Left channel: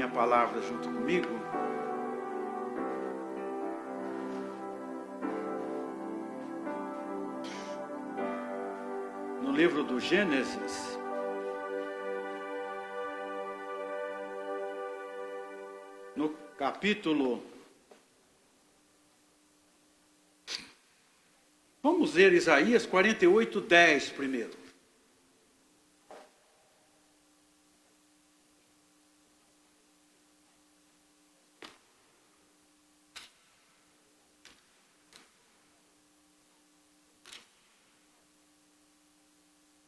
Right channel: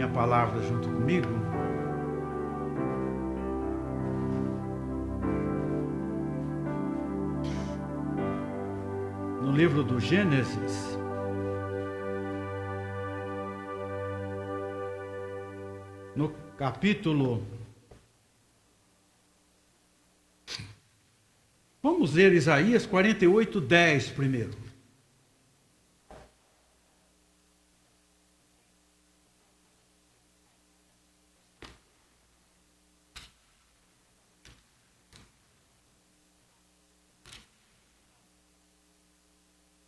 abrirem a palavra junto comigo. No livro do Gênesis, no capítulo... Vamos ler Isaías 48:10 primeiro.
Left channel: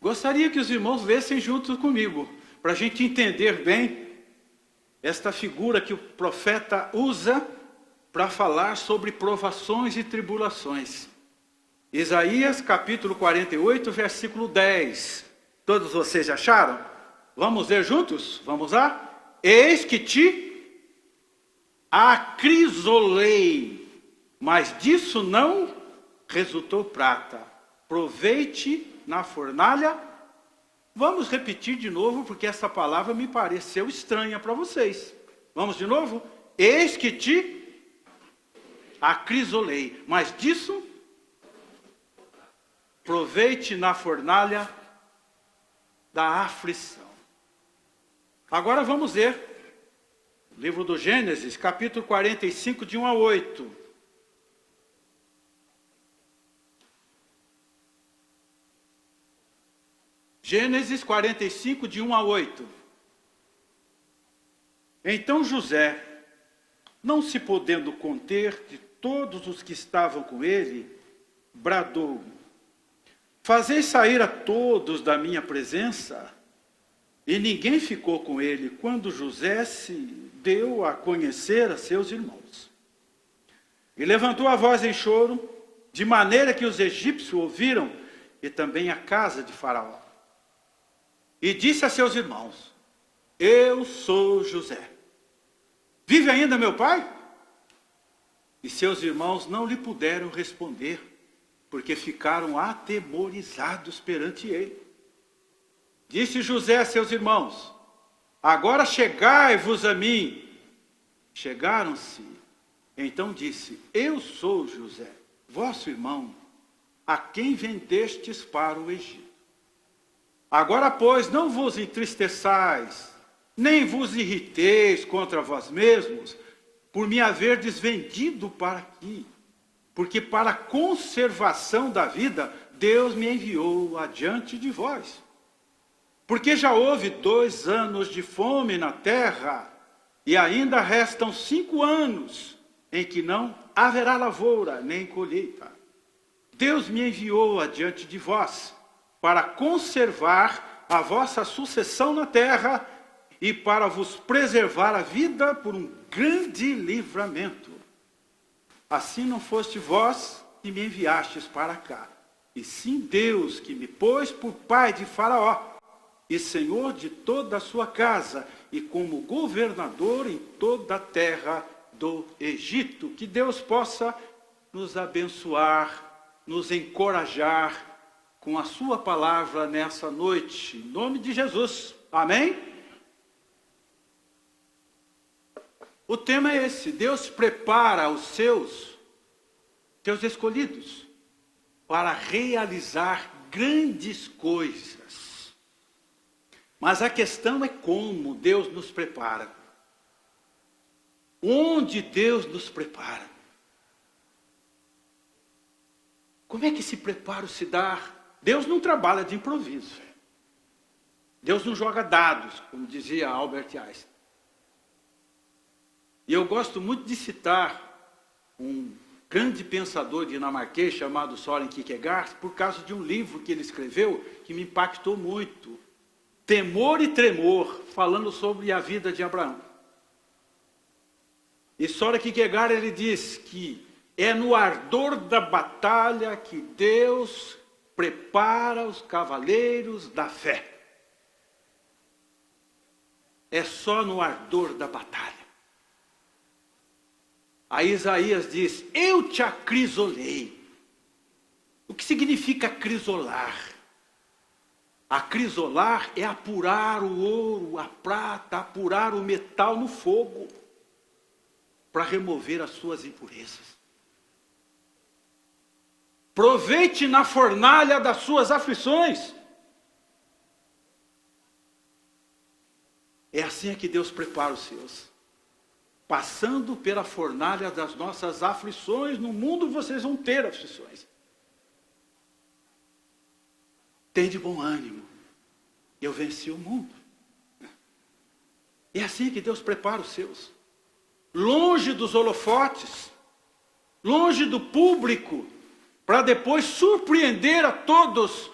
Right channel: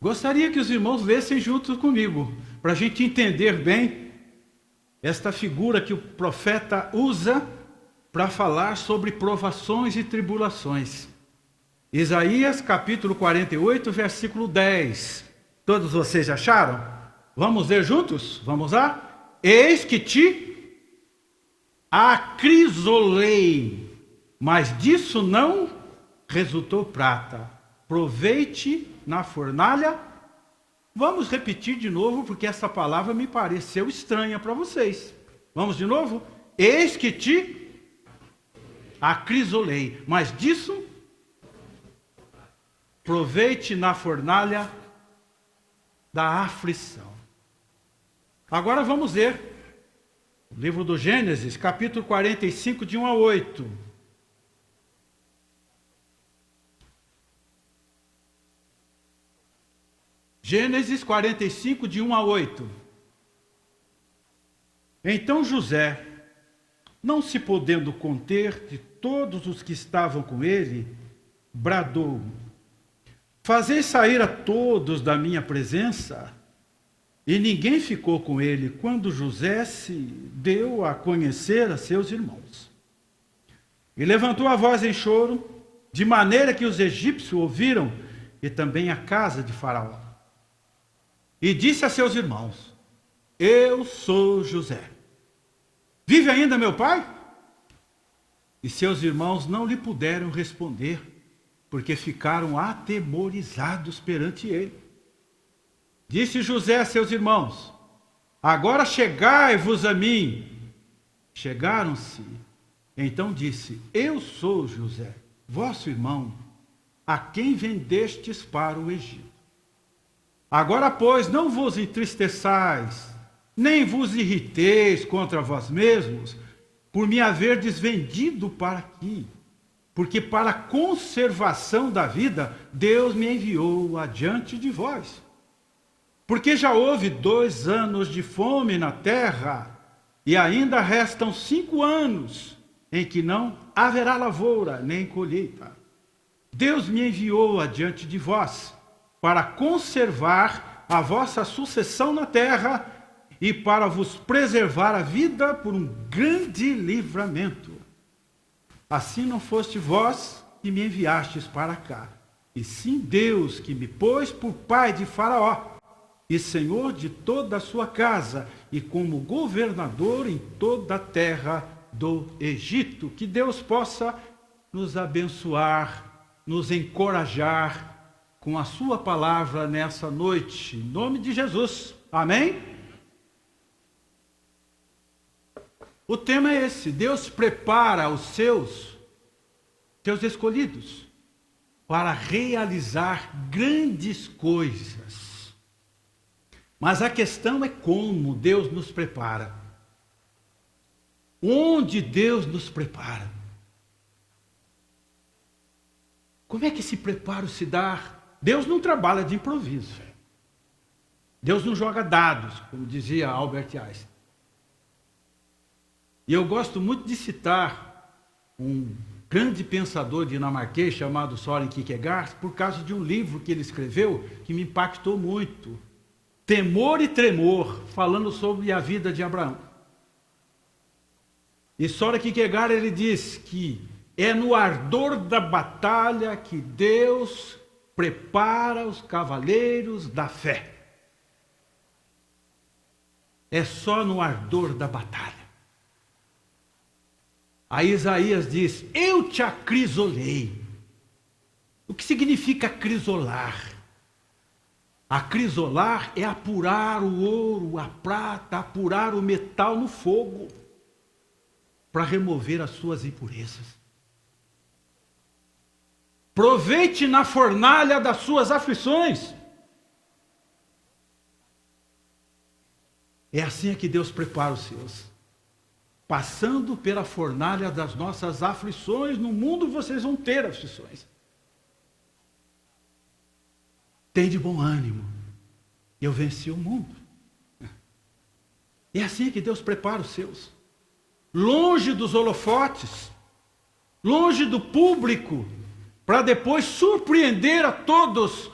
Gostaria que os irmãos lessem junto comigo, para a gente entender bem esta figura que o profeta usa para falar sobre provações e tribulações. Isaías capítulo 48, versículo 10. Todos vocês acharam? Vamos ler juntos? Vamos lá? Eis que te acrisolei, mas disso não resultou prata. Provei-te na fornalha. Vamos repetir de novo, porque essa palavra me pareceu estranha para vocês. Vamos de novo? Eis que te acrisolei, mas disso provei-te na fornalha da aflição. Agora vamos ler o livro do Gênesis, capítulo 45, de 1 a 8. Gênesis 45, de 1 a 8. Então José, não se podendo conter de todos os que estavam com ele, bradou: fazei sair a todos da minha presença. E ninguém ficou com ele quando José se deu a conhecer a seus irmãos. E levantou a voz em choro, de maneira que os egípcios ouviram, e também a casa de Faraó. E disse a seus irmãos: eu sou José. Vive ainda meu pai? E seus irmãos não lhe puderam responder, porque ficaram atemorizados perante ele. Disse José a seus irmãos: agora chegai-vos a mim. Chegaram-se. Então disse: eu sou José, vosso irmão, a quem vendestes para o Egito. Agora, pois, não vos entristeçais, nem vos irriteis contra vós mesmos, por me haverdes vendido para aqui. Porque para a conservação da vida, Deus me enviou adiante de vós. Porque já houve 2 anos de fome na terra, e ainda restam 5 anos, em que não haverá lavoura, nem colheita. Deus me enviou adiante de vós, para conservar a vossa sucessão na terra, e para vos preservar a vida por um grande livramento. Assim não foste vós que me enviastes para cá, e sim Deus que me pôs por pai de Faraó, e senhor de toda a sua casa, e como governador em toda a terra do Egito. Que Deus possa nos abençoar, nos encorajar com a sua palavra nessa noite, em nome de Jesus. Amém? O tema é esse: Deus prepara os seus escolhidos para realizar grandes coisas. Mas a questão é como Deus nos prepara. Onde Deus nos prepara? Como é que esse preparo se dá? Deus não trabalha de improviso. Deus não joga dados, como dizia Albert Einstein. E eu gosto muito de citar um grande pensador dinamarquês chamado Søren Kierkegaard, por causa de um livro que ele escreveu que me impactou muito. Temor e Tremor, falando sobre a vida de Abraão. E Søren Kierkegaard, ele diz que é no ardor da batalha que Deus prepara os cavaleiros da fé. É só no ardor da batalha. Aí Isaías diz: eu te acrisolei. O que significa acrisolar? Acrisolar é apurar o ouro, a prata, apurar o metal no fogo, para remover as suas impurezas. Proveite na fornalha das suas aflições. É assim que Deus prepara os seus. Passando pela fornalha das nossas aflições, no mundo vocês vão ter aflições. Tem de bom ânimo. Eu venci o mundo. É assim que Deus prepara os seus. Longe dos holofotes, longe do público, para depois surpreender a todos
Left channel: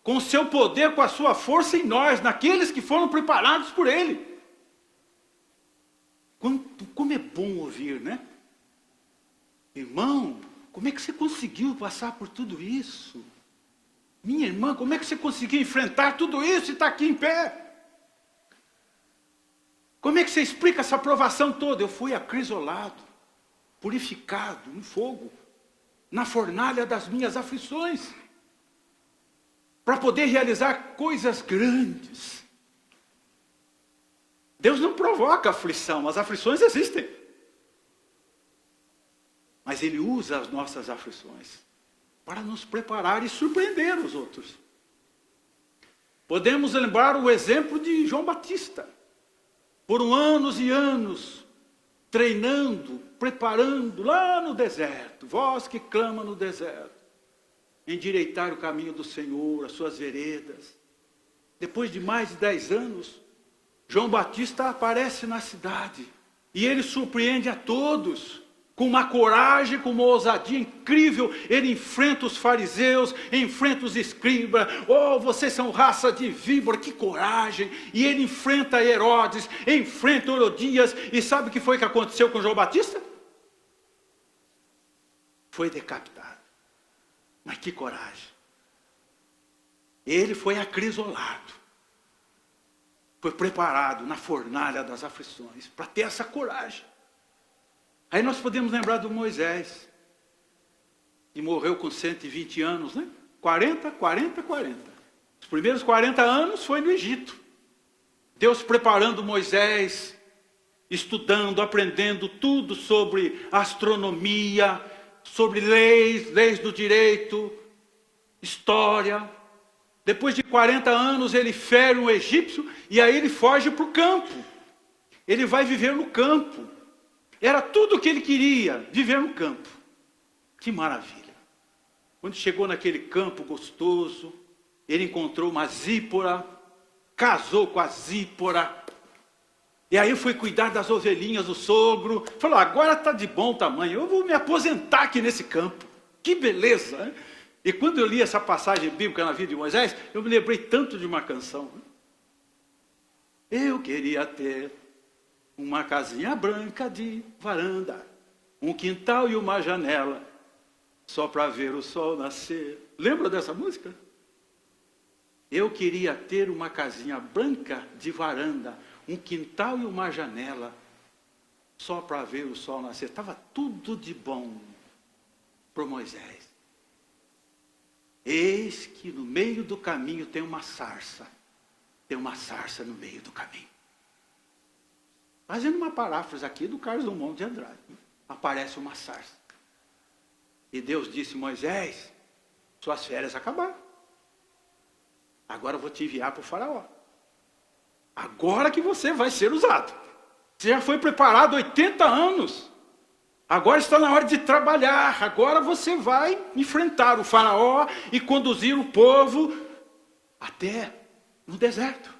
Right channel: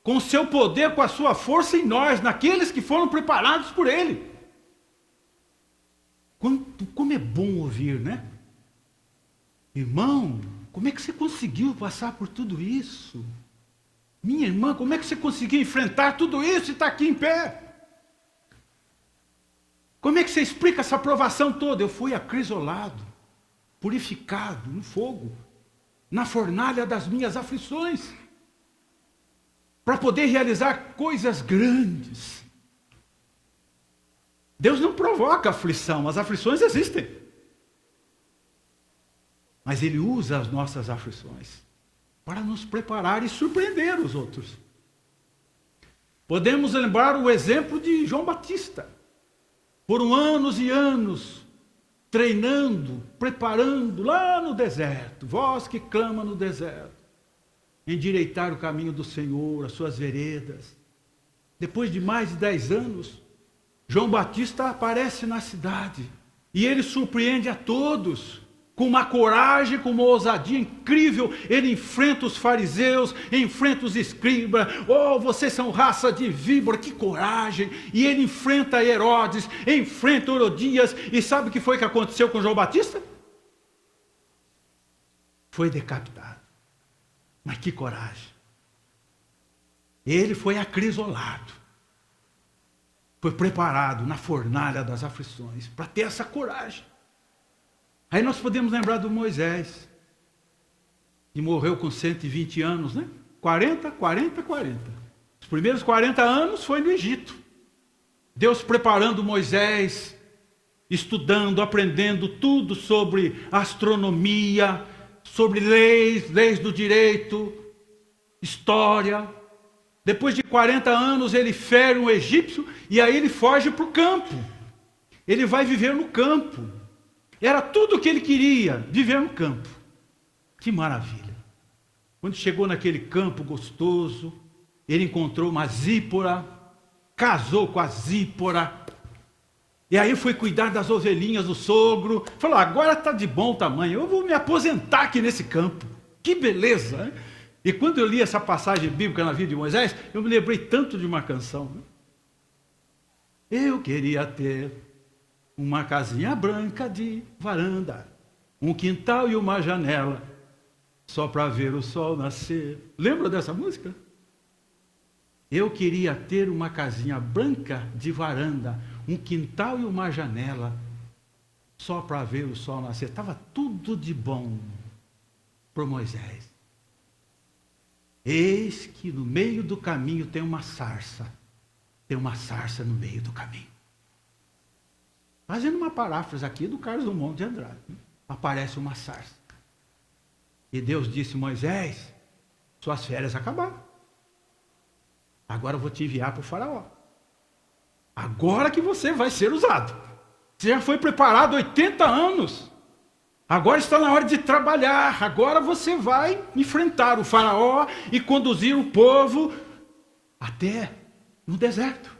com o seu poder, com a sua força em nós, naqueles que foram preparados por Ele. Como é bom ouvir, né? Irmão, como é que você conseguiu passar por tudo isso? Minha irmã, como é que você conseguiu enfrentar tudo isso e está aqui em pé? Como é que você explica essa provação toda? Eu fui acrisolado, purificado no fogo, na fornalha das minhas aflições, para poder realizar coisas grandes. Deus não provoca aflição, as aflições existem. Mas Ele usa as nossas aflições para nos preparar e surpreender os outros. Podemos lembrar o exemplo de João Batista. Foram anos e anos treinando, preparando lá no deserto. Voz que clama no deserto. Endireitar o caminho do Senhor, as suas veredas. Depois de mais de 10 anos, João Batista aparece na cidade. E ele surpreende a todos. Com uma coragem, com uma ousadia incrível, ele enfrenta os fariseus, enfrenta os escribas. Oh, vocês são raça de víbora, que coragem! E ele enfrenta Herodes, enfrenta Herodias. E sabe o que foi que aconteceu com João Batista? Foi decapitado. Mas que coragem! Ele foi acrisolado. Foi preparado na fornalha das aflições para ter essa coragem. Aí nós podemos lembrar do Moisés, que morreu com 120 anos, né? 40. Os primeiros 40 anos foi no Egito. Deus preparando Moisés, estudando, aprendendo tudo sobre astronomia, sobre leis do direito, história. Depois de 40 anos ele fere um egípcio e aí ele foge para o campo. Ele vai viver no campo. Era tudo o que ele queria, viver no campo. Que maravilha. Quando chegou naquele campo gostoso, ele encontrou uma Zípora, casou com a Zípora, e aí foi cuidar das ovelhinhas do sogro, falou, agora está de bom tamanho, eu vou me aposentar aqui nesse campo. Que beleza, né? E quando eu li essa passagem bíblica na vida de Moisés, eu me lembrei tanto de uma canção. Eu queria ter uma casinha branca de varanda, um quintal e uma janela, só para ver o sol nascer. Lembra dessa música? Eu queria ter uma casinha branca de varanda, um quintal e uma janela, só para ver o sol nascer. Estava tudo de bom para Moisés. Eis que no meio do caminho tem uma sarça. Tem uma sarça no meio do caminho. Fazendo uma paráfrase aqui do Carlos Drummond de Andrade. Aparece uma sarça. E Deus disse, Moisés, suas férias acabaram. Agora eu vou te enviar para o faraó. Agora que você vai ser usado. Você já foi preparado 80 anos. Agora está na hora de trabalhar. Agora você vai enfrentar o faraó e conduzir o povo até no deserto.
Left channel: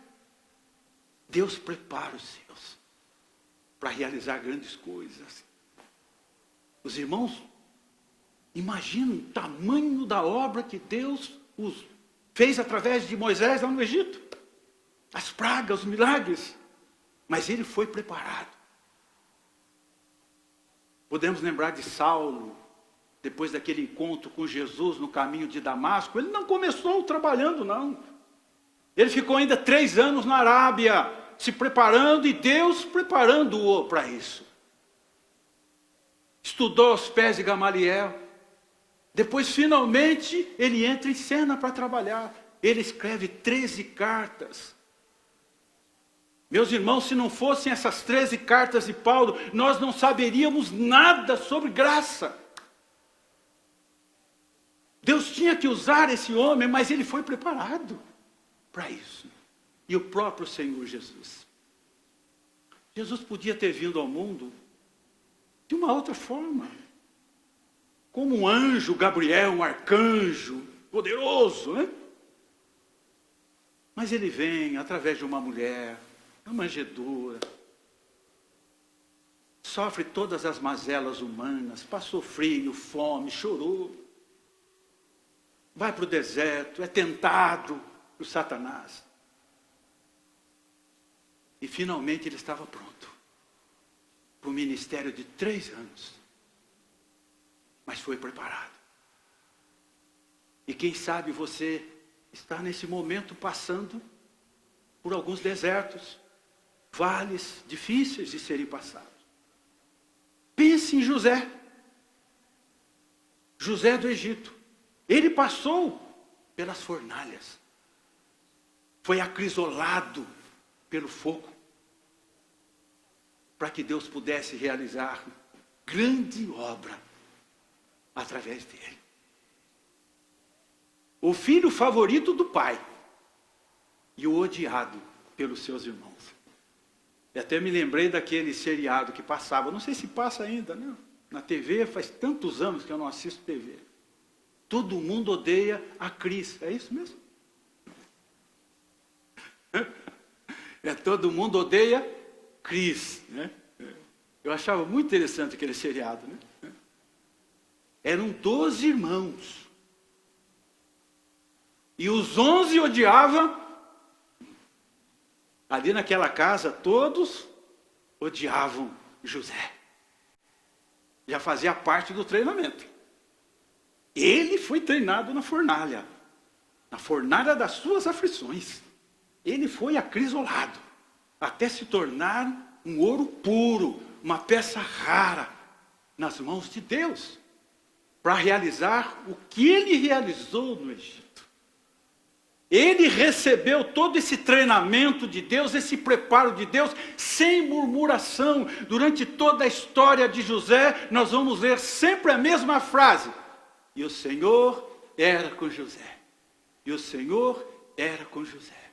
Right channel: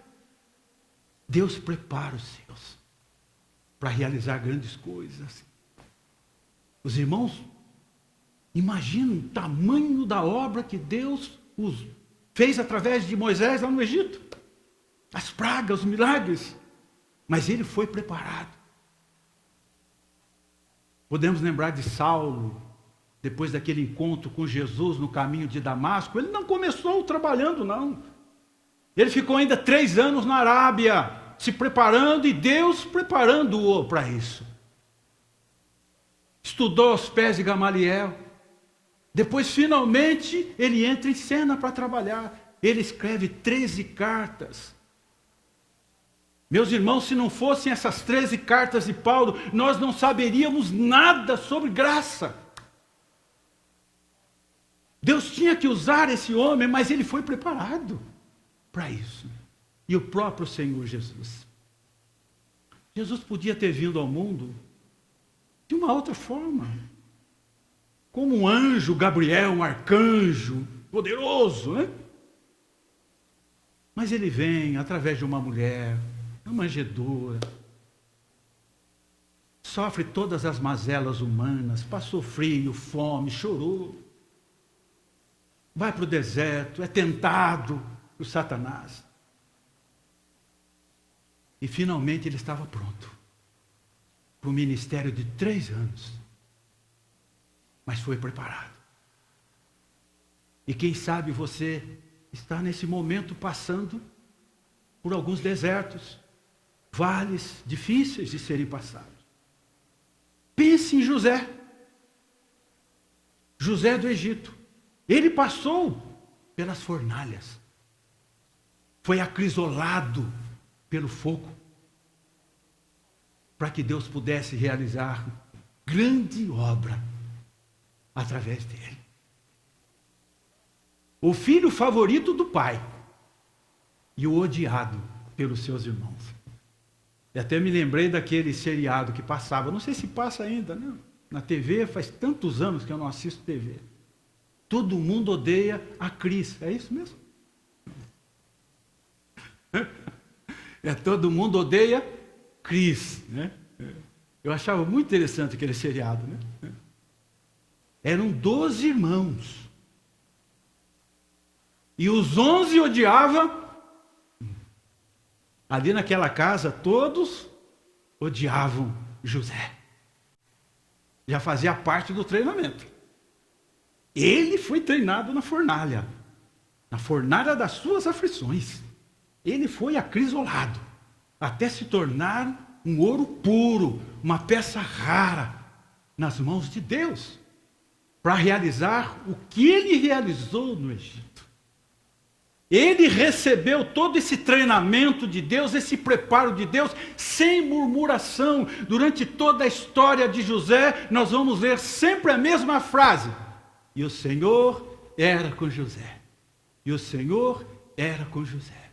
Deus prepara os seus para realizar grandes coisas. Os irmãos imaginam o tamanho da obra que Deus fez através de Moisés lá no Egito. As pragas, os milagres. Mas ele foi preparado. Podemos lembrar de Saulo, depois daquele encontro com Jesus no caminho de Damasco. Ele não começou trabalhando, não. Ele ficou ainda 3 anos na Arábia, se preparando e Deus preparando-o para isso. Estudou aos pés de Gamaliel. Depois, finalmente, ele entra em cena para trabalhar. ele escreve 13 cartas. Meus irmãos, se não fossem essas 13 cartas de Paulo, nós não saberíamos nada sobre graça. Deus tinha que usar esse homem, mas ele foi preparado para isso. E o próprio Senhor Jesus. Jesus podia ter vindo ao mundo de uma outra forma. Como um anjo, Gabriel, um arcanjo poderoso, né? Mas ele vem através de uma mulher, uma manjedoura, sofre todas as mazelas humanas, passou frio, fome, chorou, vai para o deserto, é tentado por Satanás. E finalmente ele estava pronto para o ministério de 3 anos. Mas foi preparado. E quem sabe você está nesse momento passando por alguns desertos, vales difíceis de serem passados. Pense em José. José do Egito. Ele passou pelas fornalhas. Foi acrisolado pelo fogo. Para que Deus pudesse realizar grande obra através dele. O filho favorito do pai e o odiado pelos seus irmãos. E até me lembrei daquele seriado que passava, não sei se passa ainda, né? Na TV, faz tantos anos que eu não assisto TV. Todo mundo odeia a Cris, é isso mesmo? Todo mundo odeia Cris, né? Eu achava muito interessante aquele seriado, né? Eram 12 irmãos. E os 11 odiavam. Ali naquela casa, todos odiavam José. Já fazia parte do treinamento. Ele foi treinado na fornalha das suas aflições. Ele foi acrisolado, até se tornar um ouro puro, uma peça rara, nas mãos de Deus, para realizar o que ele realizou no Egito. Ele recebeu todo esse treinamento de Deus, esse preparo de Deus, sem murmuração. Durante toda a história de José, nós vamos ler sempre a mesma frase. E o Senhor era com José. E o Senhor era com José.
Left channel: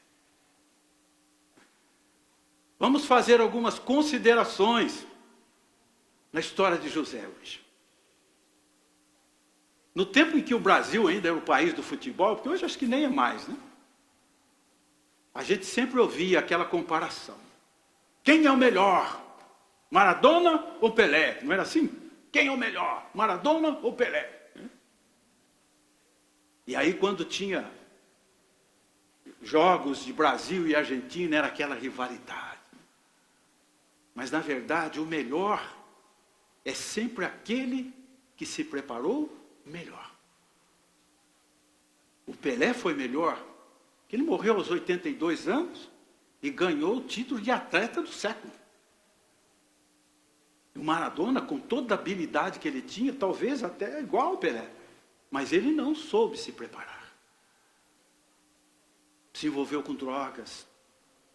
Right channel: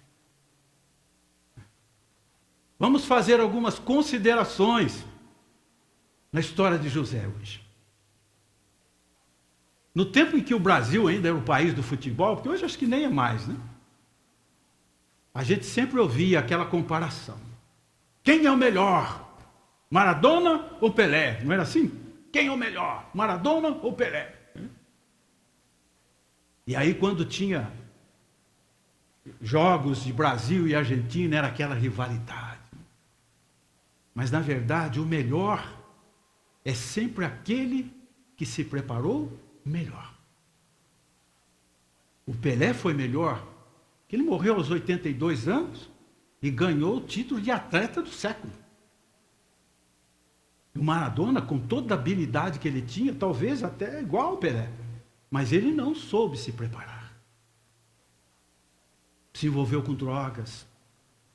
Vamos fazer algumas considerações na história de José hoje. No tempo em que o Brasil ainda era o país do futebol, porque hoje acho que nem é mais, né? A gente sempre ouvia aquela comparação. Quem é o melhor? Maradona ou Pelé? Não era assim? Quem é o melhor? Maradona ou Pelé? E aí quando tinha jogos de Brasil e Argentina, era aquela rivalidade. Mas na verdade o melhor é sempre aquele que se preparou melhor. O Pelé foi melhor, que ele morreu aos 82 anos e ganhou o título de atleta do século. O Maradona, com toda a habilidade que ele tinha, talvez até igual ao Pelé, mas ele não soube se preparar. Se envolveu com drogas,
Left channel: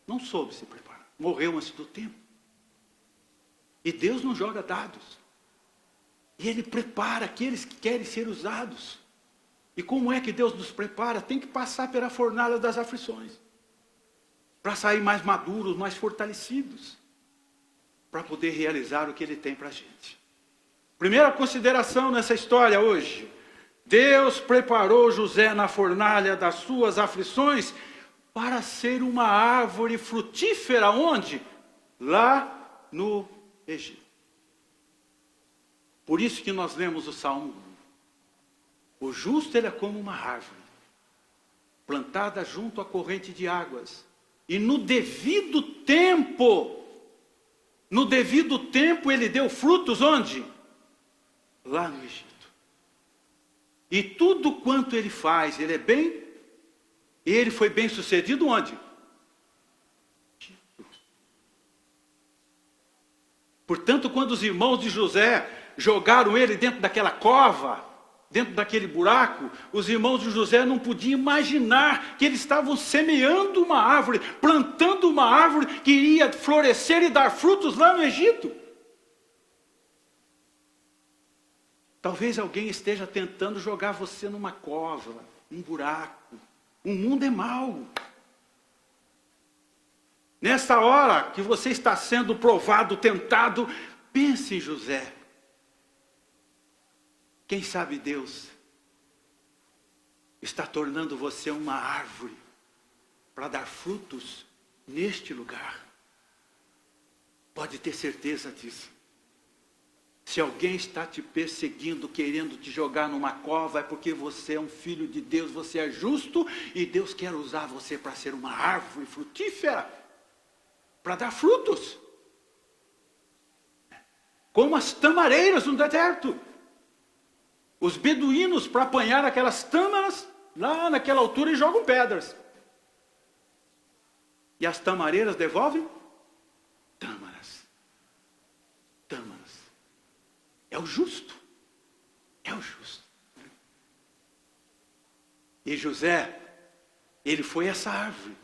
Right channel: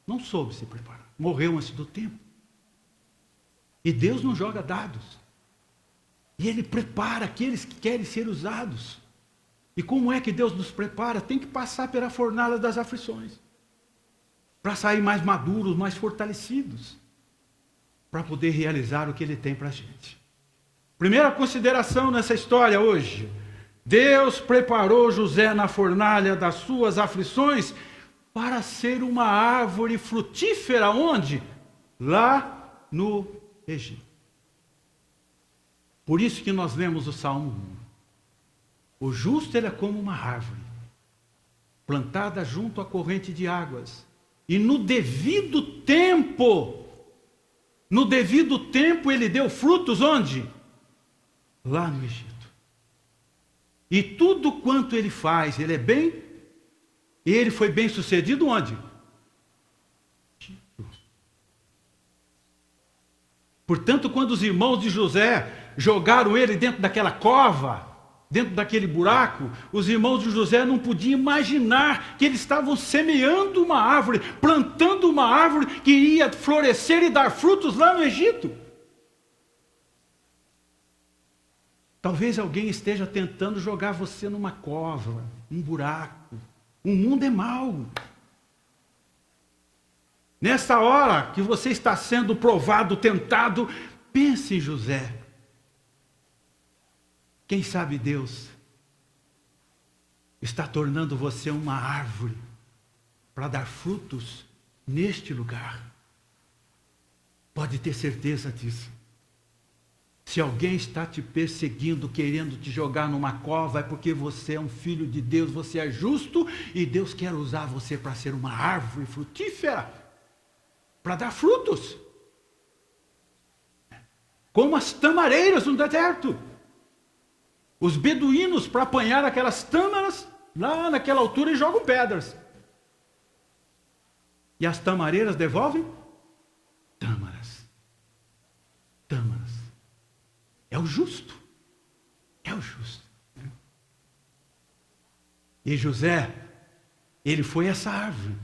não soube se preparar, morreu antes do tempo. E Deus não joga dados. E Ele prepara aqueles que querem ser usados. E como é que Deus nos prepara? Tem que passar pela fornalha das aflições. Para sair mais maduros, mais fortalecidos. Para poder realizar o que Ele tem para a gente. Primeira consideração nessa história hoje. Deus preparou José na fornalha das suas aflições para ser uma árvore frutífera. Onde? Lá no Egito. Por isso que nós lemos o Salmo 1. O justo ele é como uma árvore, plantada junto à corrente de águas. E no devido tempo ele deu frutos onde? Lá no Egito. E tudo quanto ele faz, ele é bem, e ele foi bem sucedido onde? Portanto, quando os irmãos de José jogaram ele dentro daquela cova, dentro daquele buraco, os irmãos de José não podiam imaginar que eles estavam semeando uma árvore, plantando uma árvore que iria florescer e dar frutos lá no Egito. Talvez alguém esteja tentando jogar você numa cova, um buraco. O mundo é mau. Nessa hora que você está sendo provado, tentado, pense em José. Quem sabe Deus está tornando você uma árvore para dar frutos neste lugar. Pode ter certeza disso. Se alguém está te perseguindo, querendo te jogar numa cova, é porque você é um filho de Deus, você é justo e Deus quer usar você para ser uma árvore frutífera, para dar frutos. Como as tamareiras no deserto. Os beduínos, para apanhar aquelas tâmaras, lá naquela altura, e jogam pedras. E as tamareiras devolvem? Tâmaras. Tâmaras. É o justo. É o justo. E José, ele foi essa árvore.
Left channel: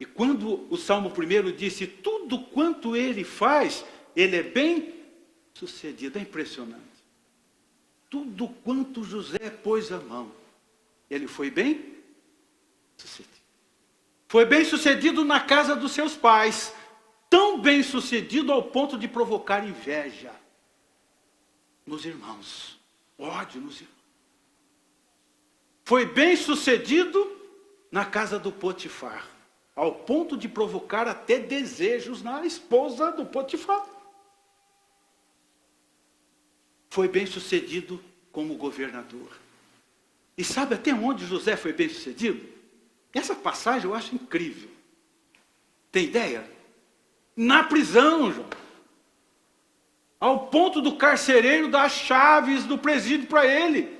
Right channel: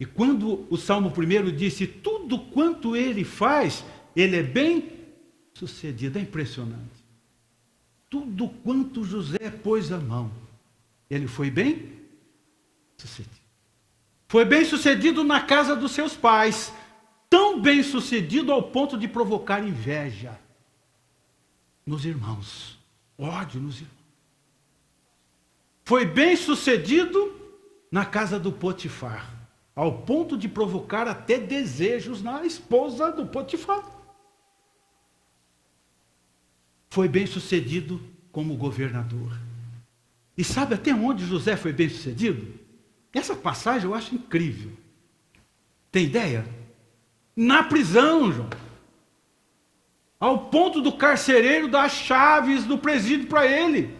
E quando o Salmo 1 disse, tudo quanto ele faz, ele é bem sucedido. É impressionante. Tudo quanto José pôs a mão, ele foi bem sucedido. Foi bem sucedido na casa dos seus pais, tão bem sucedido ao ponto de provocar inveja nos irmãos, ódio nos irmãos. Foi bem sucedido na casa do Potifar, ao ponto de provocar até desejos na esposa do Potifar. Foi bem sucedido como governador. E sabe até onde José foi bem sucedido? Essa passagem eu acho incrível. Tem ideia? Na prisão, João. Ao ponto do carcereiro dar as chaves do presídio para ele.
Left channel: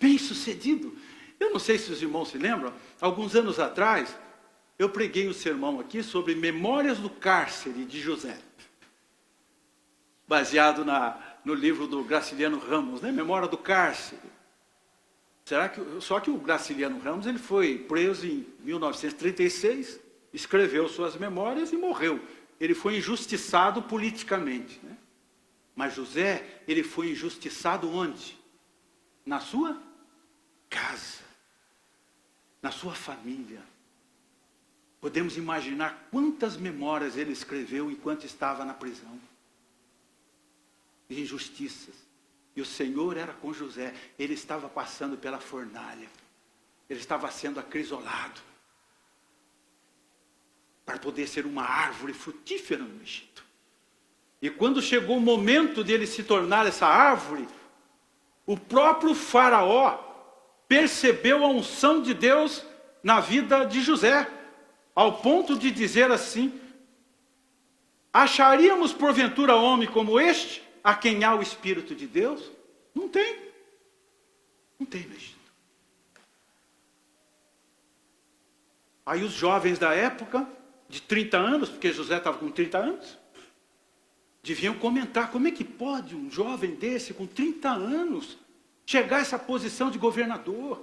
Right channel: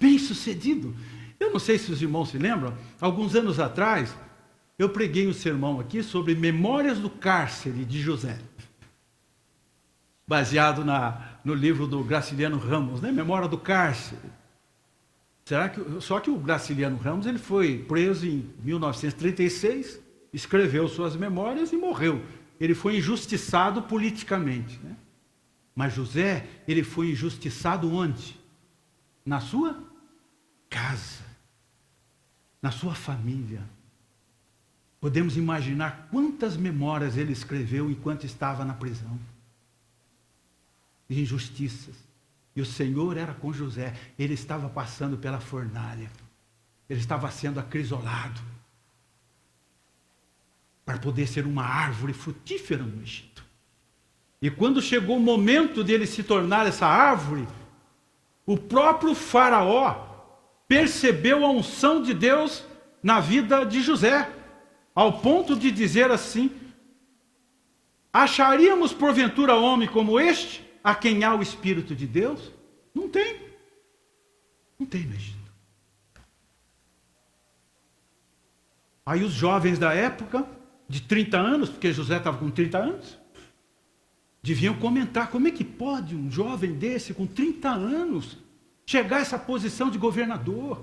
Bem sucedido. Eu não sei se os irmãos se lembram, alguns anos atrás, eu preguei um sermão aqui sobre Memórias do Cárcere de José. Baseado no livro do Graciliano Ramos, né? Memória do Cárcere. Só que o Graciliano Ramos ele foi preso em 1936, escreveu suas memórias e morreu. Ele foi injustiçado politicamente. Né? Mas José, ele foi injustiçado onde? Na sua casa, na sua família. Podemos imaginar quantas memórias ele escreveu enquanto estava na prisão. De injustiças. E o Senhor era com José. Ele estava passando pela fornalha. Ele estava sendo acrisolado. Para poder ser uma árvore frutífera no Egito. E quando chegou o momento dele se tornar essa árvore, o próprio faraó percebeu a unção de Deus na vida de José. Ao ponto de dizer assim, acharíamos porventura homem como este? A quem há o Espírito de Deus? Não tem. Não tem no Egito. Aí os jovens da época, de 30 anos, porque José estava com 30 anos, deviam comentar, como é que pode um jovem desse, com 30 anos, chegar a essa posição de governador?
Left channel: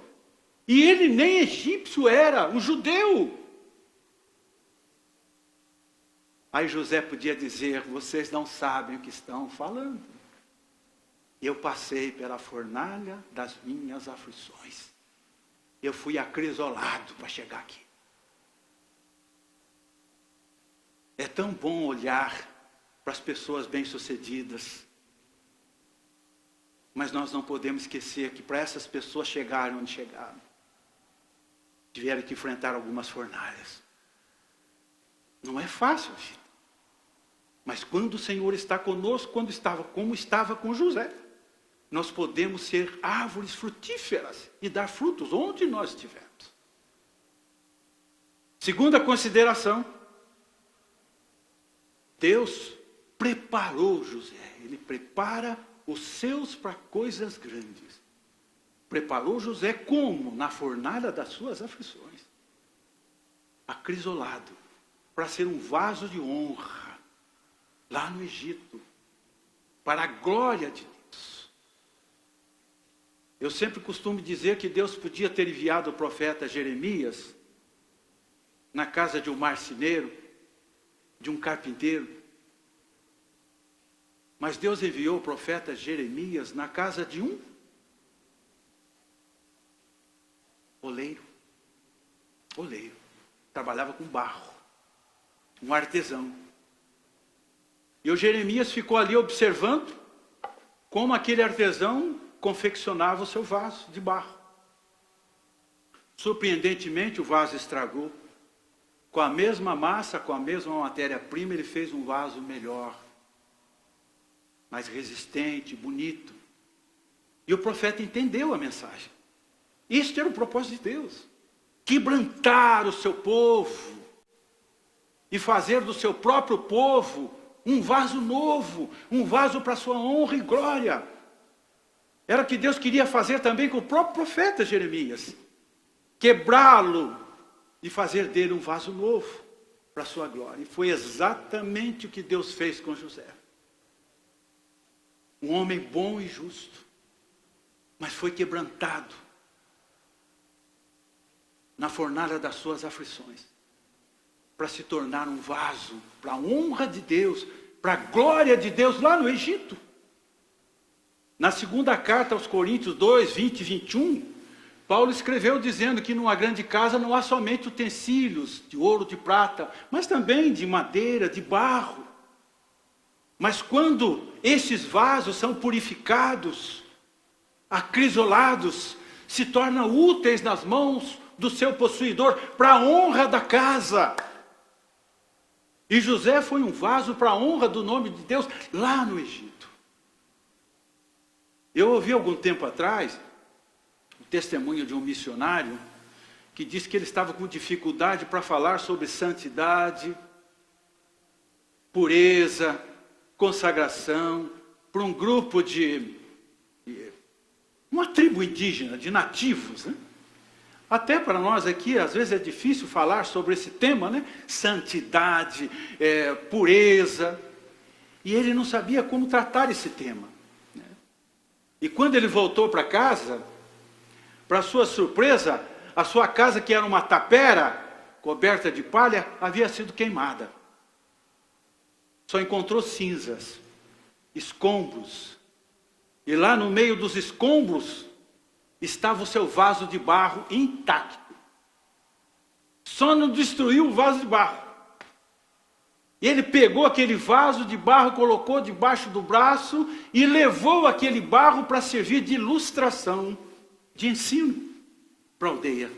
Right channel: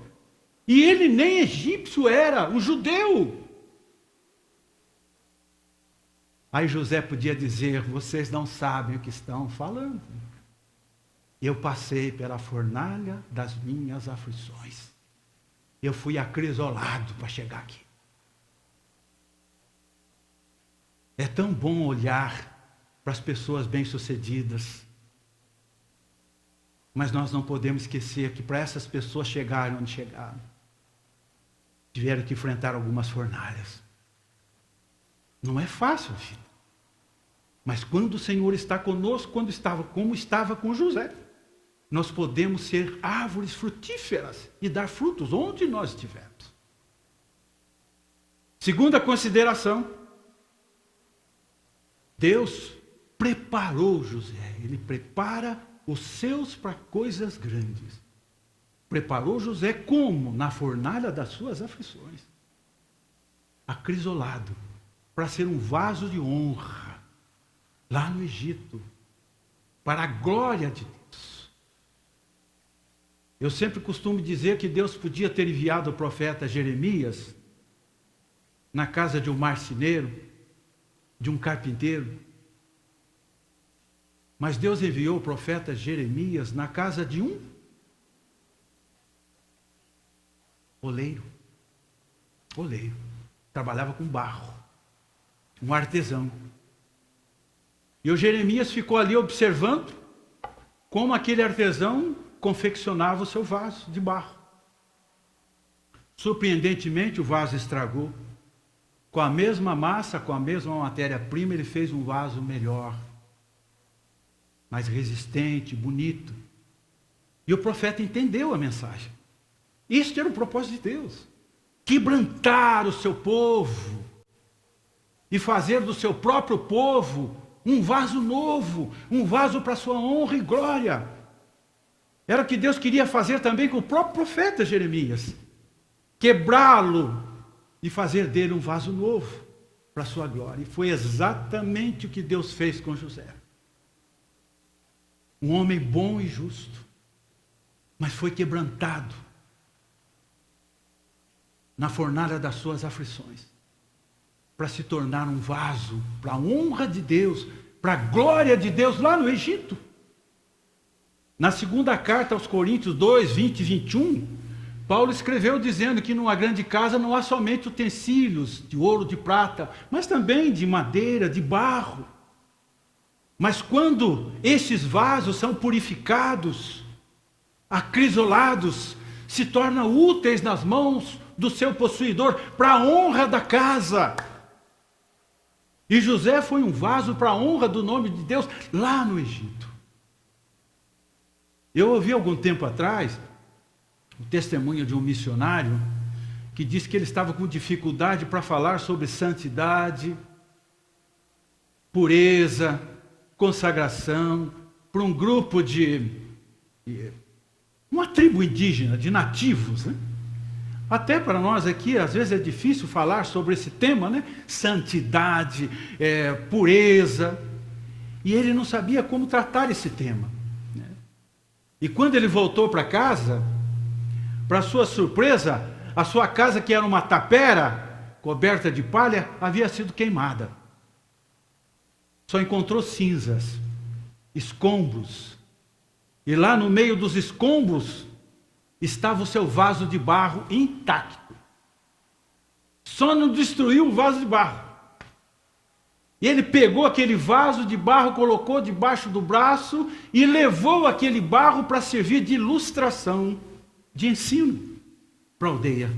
E ele nem egípcio era, um judeu. Aí José podia dizer, vocês não sabem o que estão falando. Eu passei pela fornalha das minhas aflições. Eu fui acrisolado para chegar aqui. É tão bom olhar para as pessoas bem-sucedidas. Mas nós não podemos esquecer que para essas pessoas chegarem onde chegaram, tiveram que enfrentar algumas fornalhas. Não é fácil, filho. Mas quando o Senhor está conosco, como estava com José, nós podemos ser árvores frutíferas e dar frutos onde nós estivermos. Segunda consideração, Deus preparou José. Ele prepara os seus para coisas grandes. Preparou José como? Na fornalha das suas aflições. para a glória de Deus. Eu sempre costumo dizer que Deus podia ter enviado o profeta Jeremias na casa de um marceneiro, de um carpinteiro, mas Deus enviou o profeta Jeremias na casa de um oleiro. Oleiro. Trabalhava com barro. Um artesão. E o Jeremias ficou ali observando como aquele artesão confeccionava o seu vaso de barro. Surpreendentemente, o vaso estragou. Com a mesma massa, com a mesma matéria-prima, ele fez um vaso melhor, mais resistente, bonito. E o profeta entendeu a mensagem. Este era o propósito de Deus. Quebrantar o seu povo e fazer do seu próprio povo um vaso novo, um vaso para sua honra e glória. Era o que Deus queria fazer também com o próprio profeta Jeremias. Quebrá-lo e fazer dele um vaso novo para sua glória. E foi exatamente o que Deus fez com José. Um homem bom e justo, mas foi quebrantado na fornalha das suas aflições, para se tornar um vaso para a honra de Deus, para a glória de Deus lá no Egito. Na segunda carta aos Coríntios 2, 20 e 21, Paulo escreveu dizendo que numa grande casa não há somente utensílios de ouro, de prata, mas também de madeira, de barro. Mas quando estes vasos são purificados, acrisolados, se tornam úteis nas mãos do seu possuidor, para a honra da casa. E José foi um vaso para a honra do nome de Deus lá no Egito. Eu ouvi algum tempo atrás o testemunho de um missionário que disse que ele estava com dificuldade para falar sobre santidade, pureza, consagração, para um grupo de uma tribo indígena, de nativos, né? Até para nós aqui, às vezes é difícil falar sobre esse tema, né? Santidade, pureza. E ele não sabia como tratar esse tema. Né? E quando ele voltou para casa, para sua surpresa, a sua casa, que era uma tapera, coberta de palha, havia sido queimada. Só encontrou cinzas, escombros. E lá no meio dos escombros, estava o seu vaso de barro intacto. Só não destruiu o vaso de barro. E ele pegou aquele vaso de barro, colocou debaixo do braço e levou aquele barro para servir de ilustração, de ensino para a aldeia.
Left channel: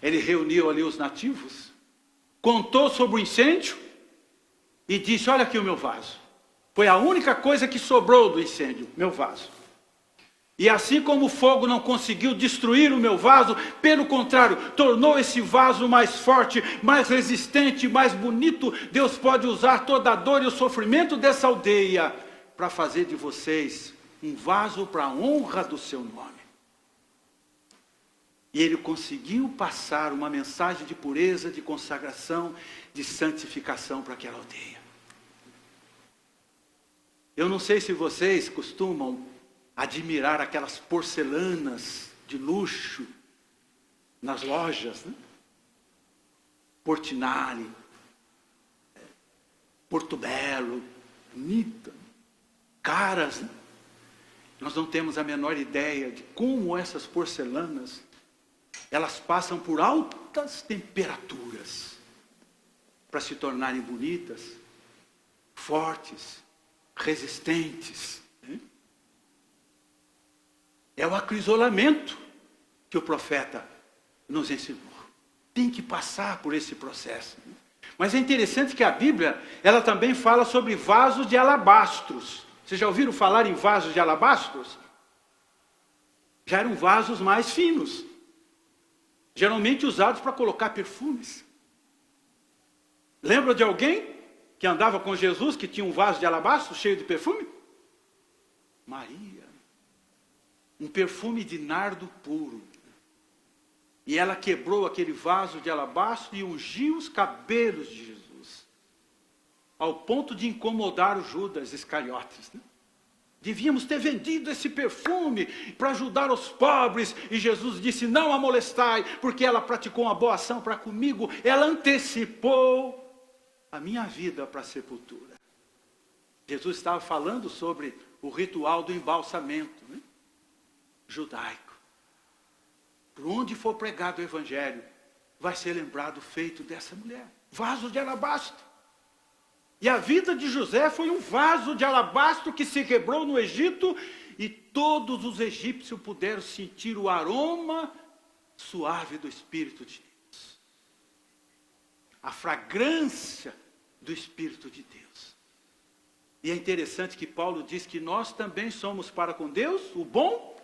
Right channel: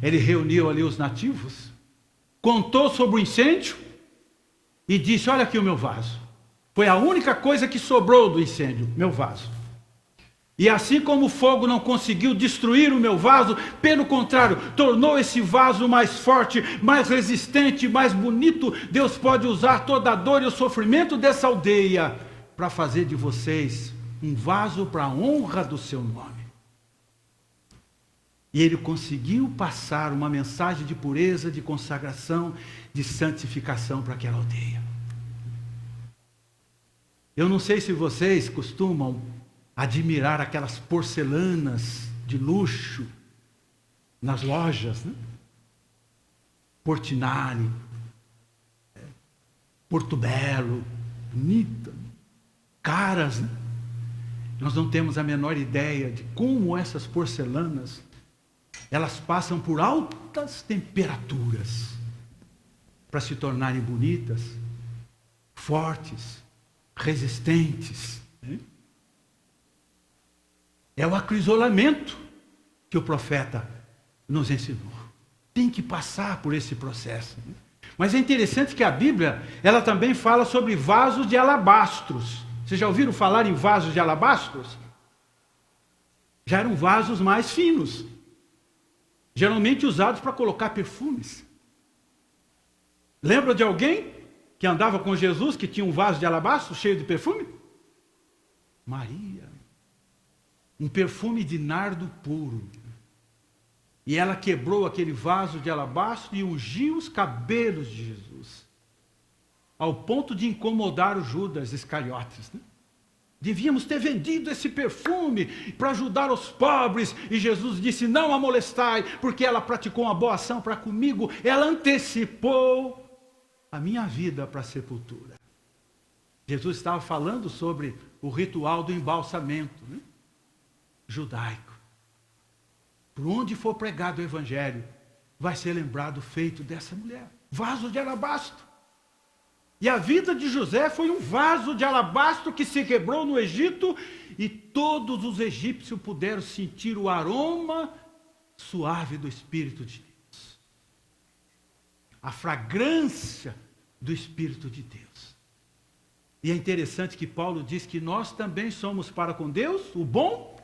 Ele reuniu ali os nativos, contou sobre o incêndio e disse: olha aqui o meu vaso. Foi a única coisa que sobrou do incêndio, meu vaso. E assim como o fogo não conseguiu destruir o meu vaso, pelo contrário, tornou esse vaso mais forte, mais resistente, mais bonito. Deus pode usar toda a dor e o sofrimento dessa aldeia para fazer de vocês um vaso para a honra do seu nome. E ele conseguiu passar uma mensagem de pureza, de consagração, de santificação para aquela aldeia. Eu não sei se vocês costumam admirar aquelas porcelanas de luxo nas lojas, né? Portinari, Porto Belo, bonita, caras, né? Nós não temos a menor ideia de como essas porcelanas, elas passam por altas temperaturas para se tornarem bonitas, fortes, resistentes. É o acrisolamento que o profeta nos ensinou. Tem que passar por esse processo. Mas é interessante que a Bíblia, ela também fala sobre vasos de alabastros. Vocês já ouviram falar em vasos de alabastros? Já eram vasos mais finos, geralmente usados para colocar perfumes. Lembra de alguém que andava com Jesus, que tinha um vaso de alabastro cheio de perfume? Maria. Um perfume de nardo puro. E ela quebrou aquele vaso de alabastro e ungiu os cabelos de Jesus. ao ponto de incomodar o Judas Iscariotes, né? Devíamos ter vendido esse perfume para ajudar os pobres. E Jesus disse, não a molestai, porque ela praticou uma boa ação para comigo. Ela antecipou a minha vida para a sepultura. Jesus estava falando sobre o ritual do embalsamento, né? Judaico. Por onde for pregado o evangelho, vai ser lembrado o feito dessa mulher. Vaso de alabastro. E a vida de José foi um vaso de alabastro que se quebrou no Egito e todos os egípcios puderam sentir o aroma suave do Espírito de Deus. A fragrância do Espírito de Deus. E é interessante que Paulo diz que nós também somos para com Deus o bom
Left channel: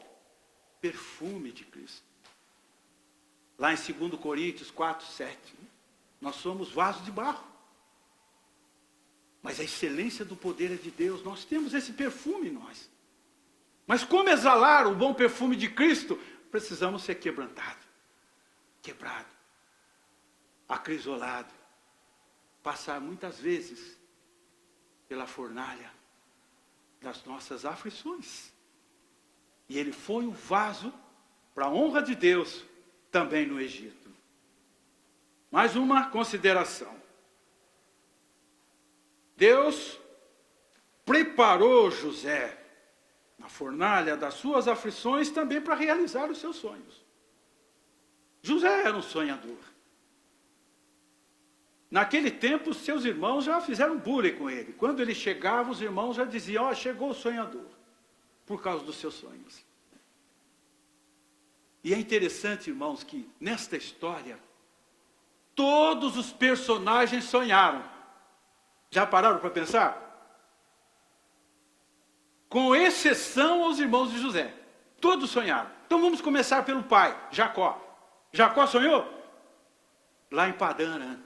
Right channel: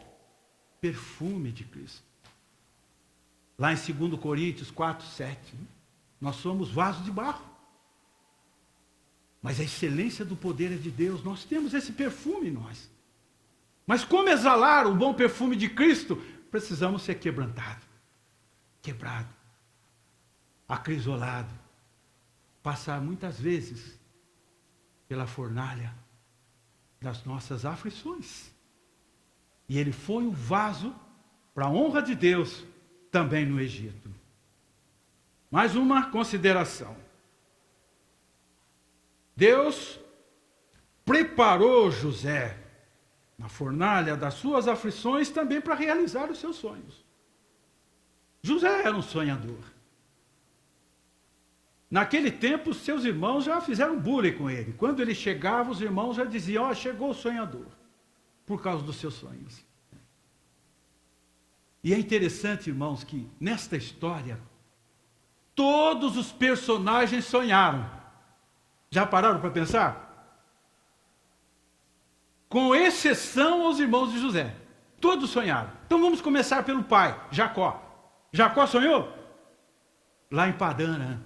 perfume de Cristo. Lá em 2 Coríntios 4, 7, nós somos vasos de barro. Mas a excelência do poder é de Deus. Nós temos esse perfume em nós. Mas como exalar o bom perfume de Cristo? Precisamos ser quebrantados. Quebrado. Acrisolado. Passar muitas vezes pela fornalha das nossas aflições. E ele foi o vaso para a honra de Deus também no Egito. Mais uma consideração. Deus preparou José na fornalha das suas aflições também para realizar os seus sonhos. José era um sonhador. Naquele tempo, seus irmãos já fizeram bullying com ele. Quando ele chegava, os irmãos já diziam, ó, chegou o sonhador, por causa dos seus sonhos. E é interessante, irmãos, que nesta história, todos os personagens sonharam. Já pararam para pensar? Com exceção aos irmãos de José. Todos sonharam. Então vamos começar pelo pai, Jacó. Jacó sonhou? Lá em Padã Arã.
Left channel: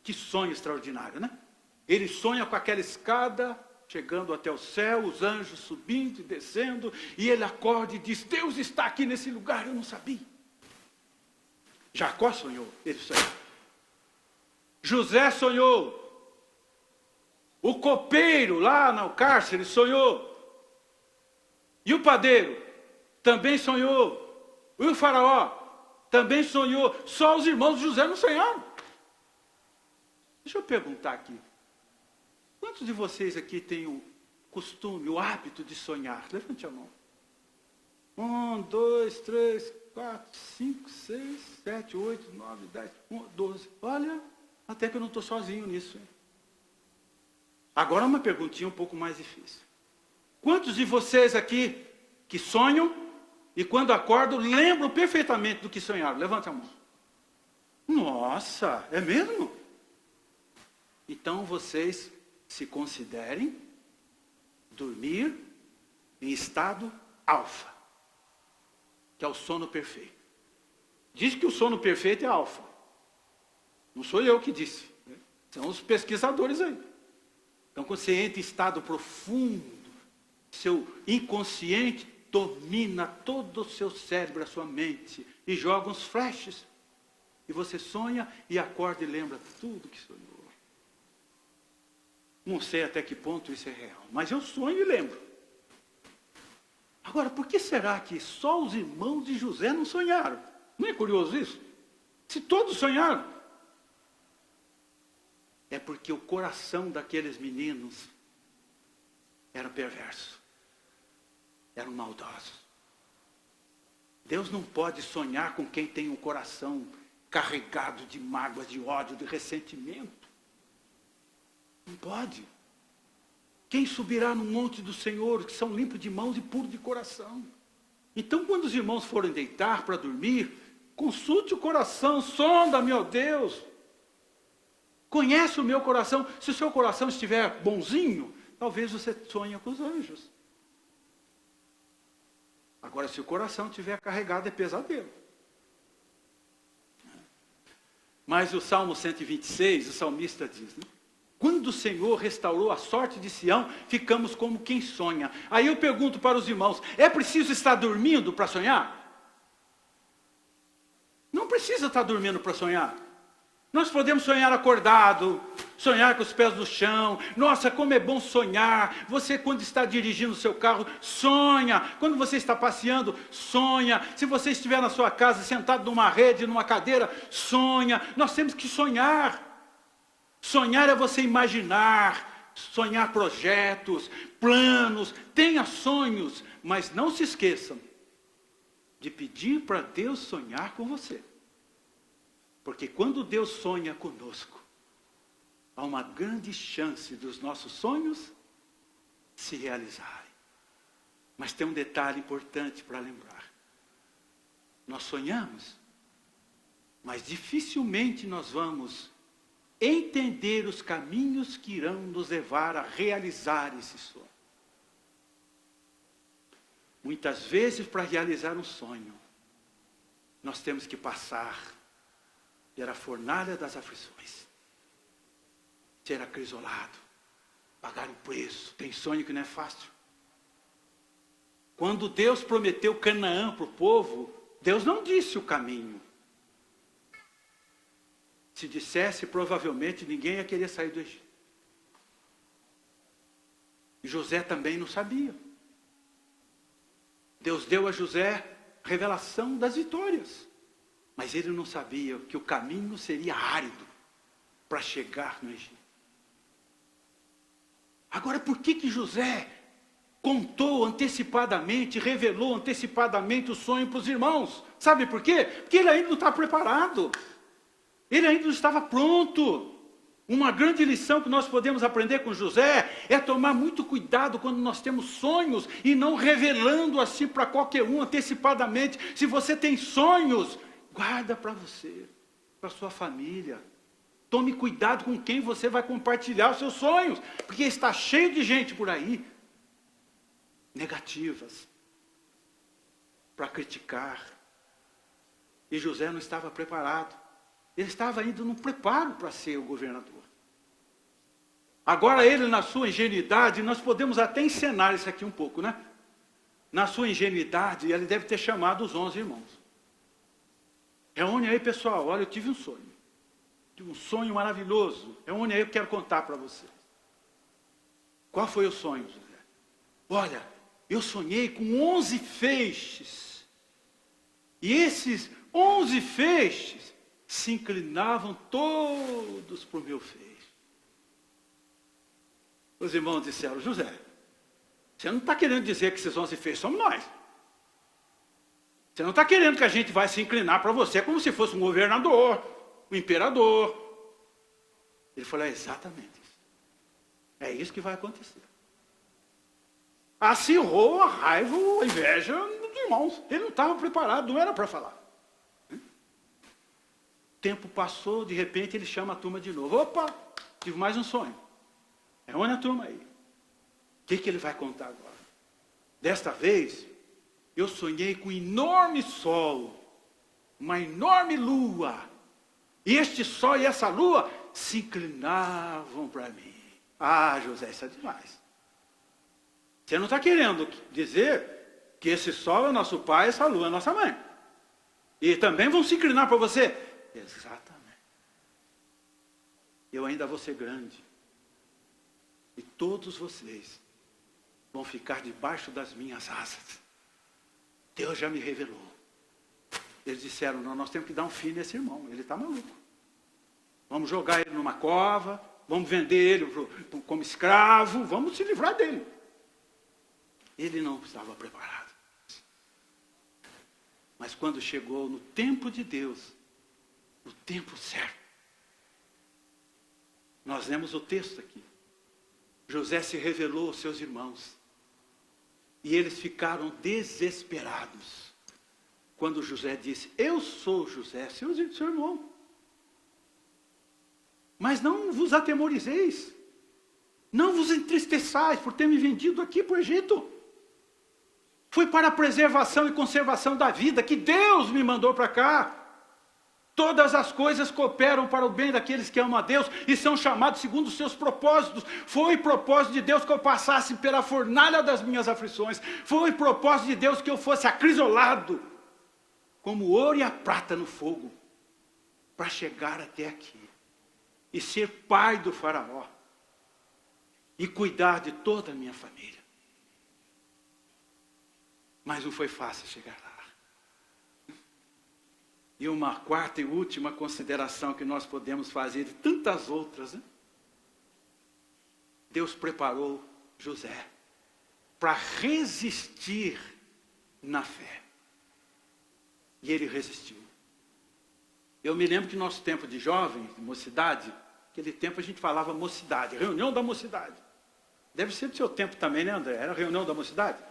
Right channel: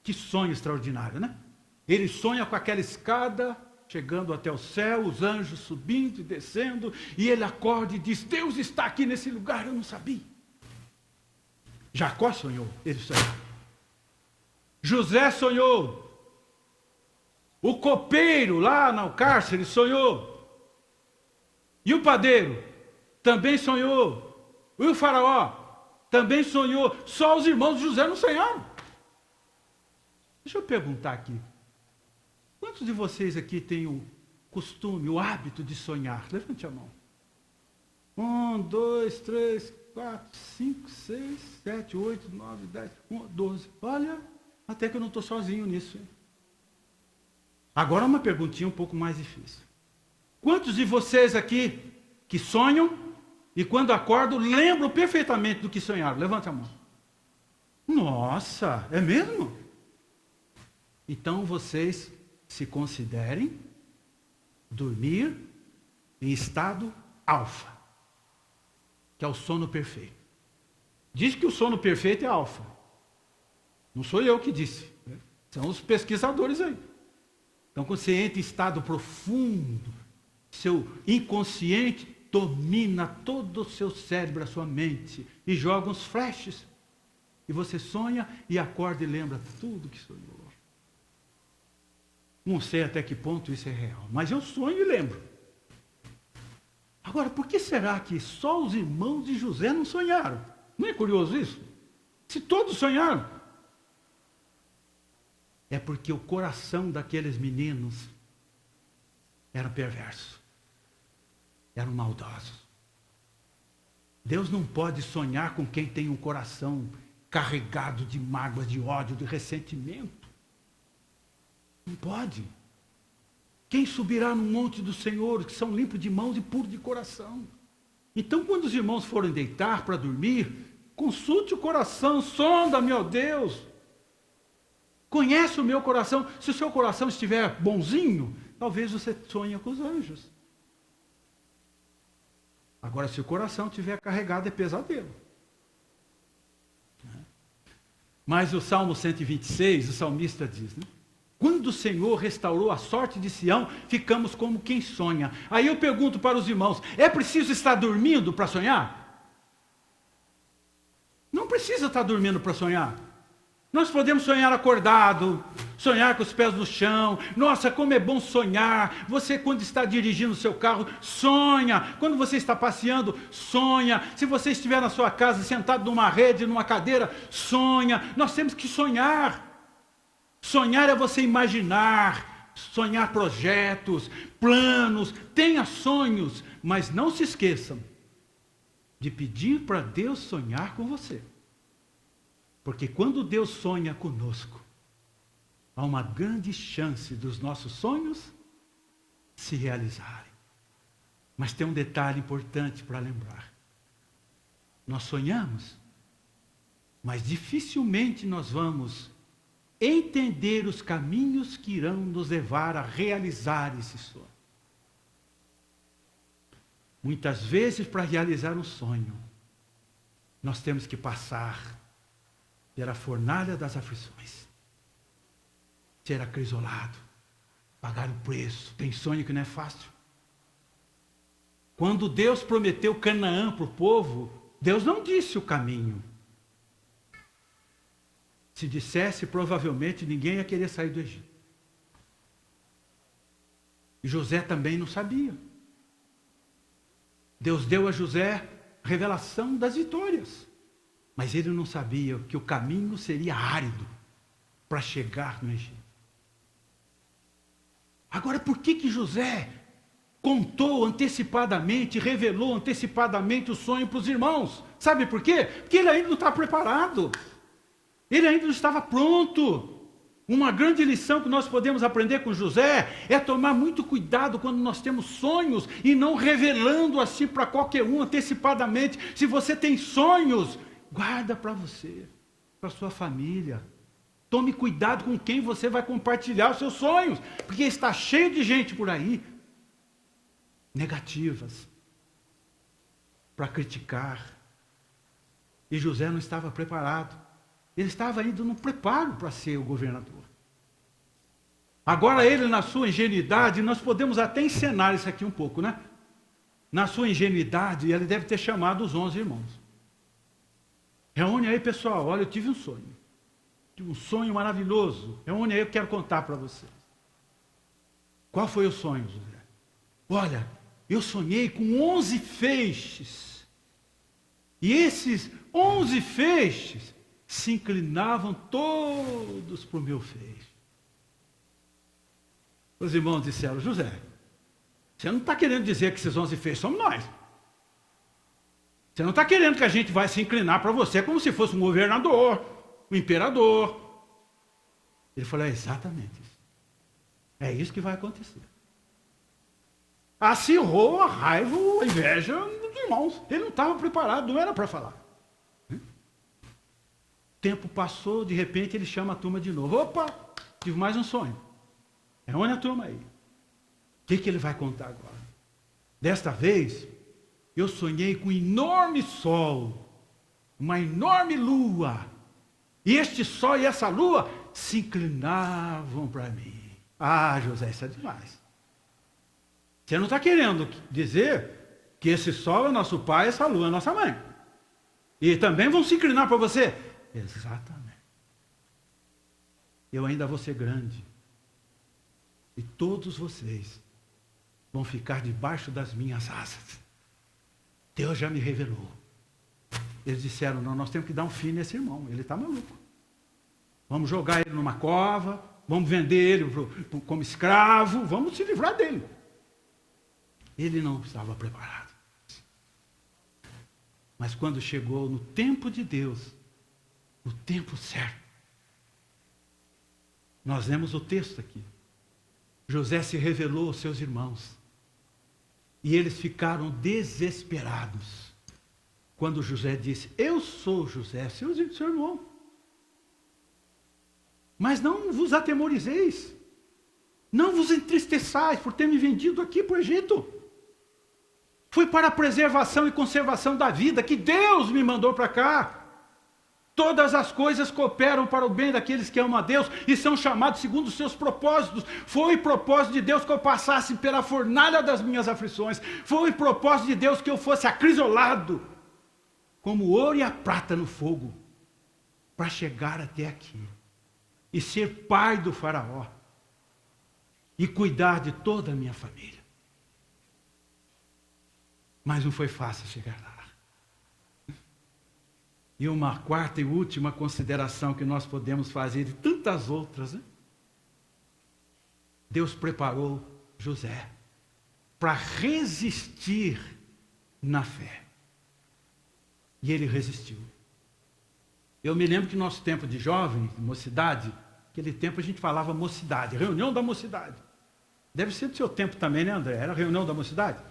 Que sonho extraordinário, né? Ele sonha com aquela escada, chegando até o céu, os anjos subindo e descendo, e ele acorda e diz, Deus está aqui nesse lugar, eu não sabia. Jacó sonhou, ele sonhou. José sonhou. O copeiro lá no cárcere sonhou. E o padeiro também sonhou. E o faraó também sonhou. Só os irmãos de José não sonharam. Deixa eu perguntar aqui. Quantos de vocês aqui têm o costume, o hábito de sonhar? Levante a mão. 1, 2, 3, 4, 5, 6, 7, 8, 9, 10, 12. Olha, até que eu não estou sozinho nisso, hein? Agora uma perguntinha um pouco mais difícil. Quantos de vocês aqui que sonham e quando acordam lembram perfeitamente do que sonharam? Levanta a mão. Nossa, é mesmo? Então vocês se considerem dormir em estado alfa, que é o sono perfeito. Diz que o sono perfeito é alfa. Não sou eu que disse. São os pesquisadores aí. Então, quando você entra em estado profundo, seu inconsciente domina todo o seu cérebro, a sua mente, e joga uns flashes. E você sonha e acorda e lembra tudo que sonhou. Não sei até que ponto isso é real, mas eu sonho e lembro. Agora, por que será que só os irmãos de José não sonharam? Não é curioso isso? Se todos sonharam. É porque o coração daqueles meninos era perverso. Eram maldosos. Deus não pode sonhar com quem tem um coração carregado de mágoa, de ódio, de ressentimento. Não pode. Quem subirá no monte do Senhor, que são limpos de mãos e puros de coração? Então, quando os irmãos forem deitar para dormir, consulte o coração, sonda, meu Deus. Conhece o meu coração. Se o seu coração estiver bonzinho, talvez você sonhe com os anjos. Agora, se o coração estiver carregado, é pesadelo. Mas o Salmo 126, o salmista diz, né? Quando o Senhor restaurou a sorte de Sião, ficamos como quem sonha. Aí eu pergunto para os irmãos, é preciso estar dormindo para sonhar? Não precisa estar dormindo para sonhar. Nós podemos sonhar acordado, sonhar com os pés no chão. Nossa, como é bom sonhar. Você, quando está dirigindo o seu carro, sonha. Quando você está passeando, sonha. Se você estiver na sua casa, sentado numa rede, numa cadeira, sonha. Nós temos que sonhar. Sonhar é você imaginar, sonhar projetos, planos. Tenha sonhos, mas não se esqueçam de pedir para Deus sonhar com você. Porque quando Deus sonha conosco, há uma grande chance dos nossos sonhos se realizarem. Mas tem um detalhe importante para lembrar. Nós sonhamos, mas dificilmente nós vamos entender os caminhos que irão nos levar a realizar esse sonho. Muitas vezes, para realizar um sonho, nós temos que passar pela fornalha das aflições, ser acrisolado, pagar o preço. Tem sonho que não é fácil. Quando Deus prometeu Canaã para o povo, Deus não disse o caminho. Se dissesse, provavelmente ninguém ia querer sair do Egito. E José também não sabia. Deus deu a José revelação das vitórias. Mas ele não sabia que o caminho seria árido para chegar no Egito. Agora, por que José contou antecipadamente, revelou antecipadamente o sonho para os irmãos? Sabe por quê? Porque ele ainda não está preparado. Ele ainda não estava pronto. Uma grande lição que nós podemos aprender com José é tomar muito cuidado quando nós temos sonhos e não revelando assim para qualquer um antecipadamente. Se você tem sonhos, guarda para você, para sua família. Tome cuidado com quem você vai compartilhar os seus sonhos, porque está cheio de gente por aí, negativas, para criticar. E José não estava preparado. Ele estava indo no preparo para ser o governador. Agora ele, na sua ingenuidade, nós podemos até encenar isso aqui um pouco, né? Na sua ingenuidade, ele deve ter chamado os 11 irmãos. Reúne aí, pessoal, olha, eu tive um sonho. Tive um sonho maravilhoso. Reúne aí, eu quero contar para vocês. Qual foi o sonho, José? Olha, eu sonhei com 11 feixes. E esses 11 feixes se inclinavam todos para o meu feixe. Os irmãos disseram, José, você não está querendo dizer que esses 11 feixes somos nós. Você não está querendo que a gente vai se inclinar para você como se fosse um governador, um imperador. Ele falou, é exatamente isso. É isso que vai acontecer. Acirrou a raiva, a inveja dos irmãos. Ele não estava preparado, não era para falar. O tempo passou, de repente ele chama a turma de novo. Opa, tive mais um sonho. Reúne a turma aí. O que ele vai contar agora? Desta vez, eu sonhei com um enorme sol, uma enorme lua. E este sol e essa lua se inclinavam para mim. Ah, José, isso é demais. Você não está querendo dizer que esse sol é nosso pai, essa lua é nossa mãe. E também vão se inclinar para você? Exatamente. Eu ainda vou ser grande. E todos vocês vão ficar debaixo das minhas asas. Deus já me revelou. Eles disseram, não, nós temos que dar um fim nesse irmão, ele está maluco. Vamos jogar ele numa cova, vamos vender ele como escravo, vamos se livrar dele. Ele não estava preparado. Mas quando chegou no tempo de Deus, no tempo certo, nós lemos o texto aqui. José se revelou aos seus irmãos. E eles ficaram desesperados. Quando José disse, eu sou José, seu irmão. Mas não vos atemorizeis. Não vos entristeçais por ter me vendido aqui para o Egito. Foi para a preservação e conservação da vida que Deus me mandou para cá. Todas as coisas cooperam para o bem daqueles que amam a Deus e são chamados segundo os seus propósitos. Foi propósito de Deus que eu passasse pela fornalha das minhas aflições. Foi propósito de Deus que eu fosse acrisolado como o ouro e a prata no fogo para chegar até aqui. e ser pai do faraó e cuidar de toda a minha família. Mas não foi fácil chegar lá. E uma quarta e última consideração que nós podemos fazer, de tantas outras, né? Deus preparou José para resistir na fé. E ele resistiu. Eu me lembro que no nosso tempo de jovem, mocidade, naquele tempo a gente falava mocidade, reunião da mocidade. Deve ser do seu tempo também, né, André? Era reunião da mocidade?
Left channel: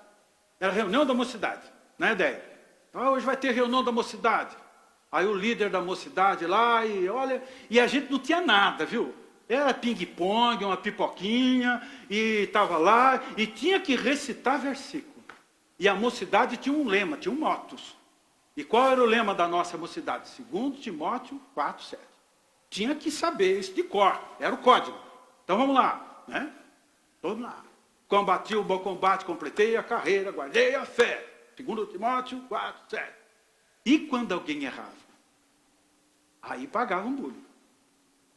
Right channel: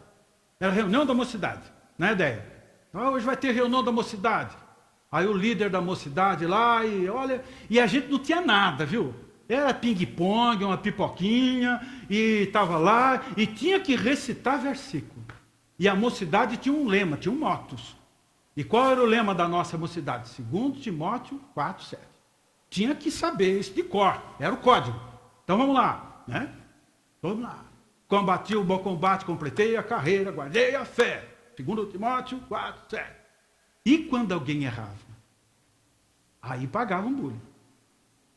Era reunião da mocidade, não é ideia? Então, hoje vai ter reunião da mocidade. Aí o líder da mocidade lá, e olha, e a gente não tinha nada, viu? Era ping-pong, uma pipoquinha, e estava lá, e tinha que recitar versículo. E a mocidade tinha um lema, tinha um motus. E qual era o lema da nossa mocidade? 2 Timóteo 4:7. Tinha que saber isso de cor, era o código. Então vamos lá, né? Vamos lá. Combati o bom combate, completei a carreira, guardei a fé. 2 Timóteo 4:7. E quando alguém errava? Aí pagava um bullying.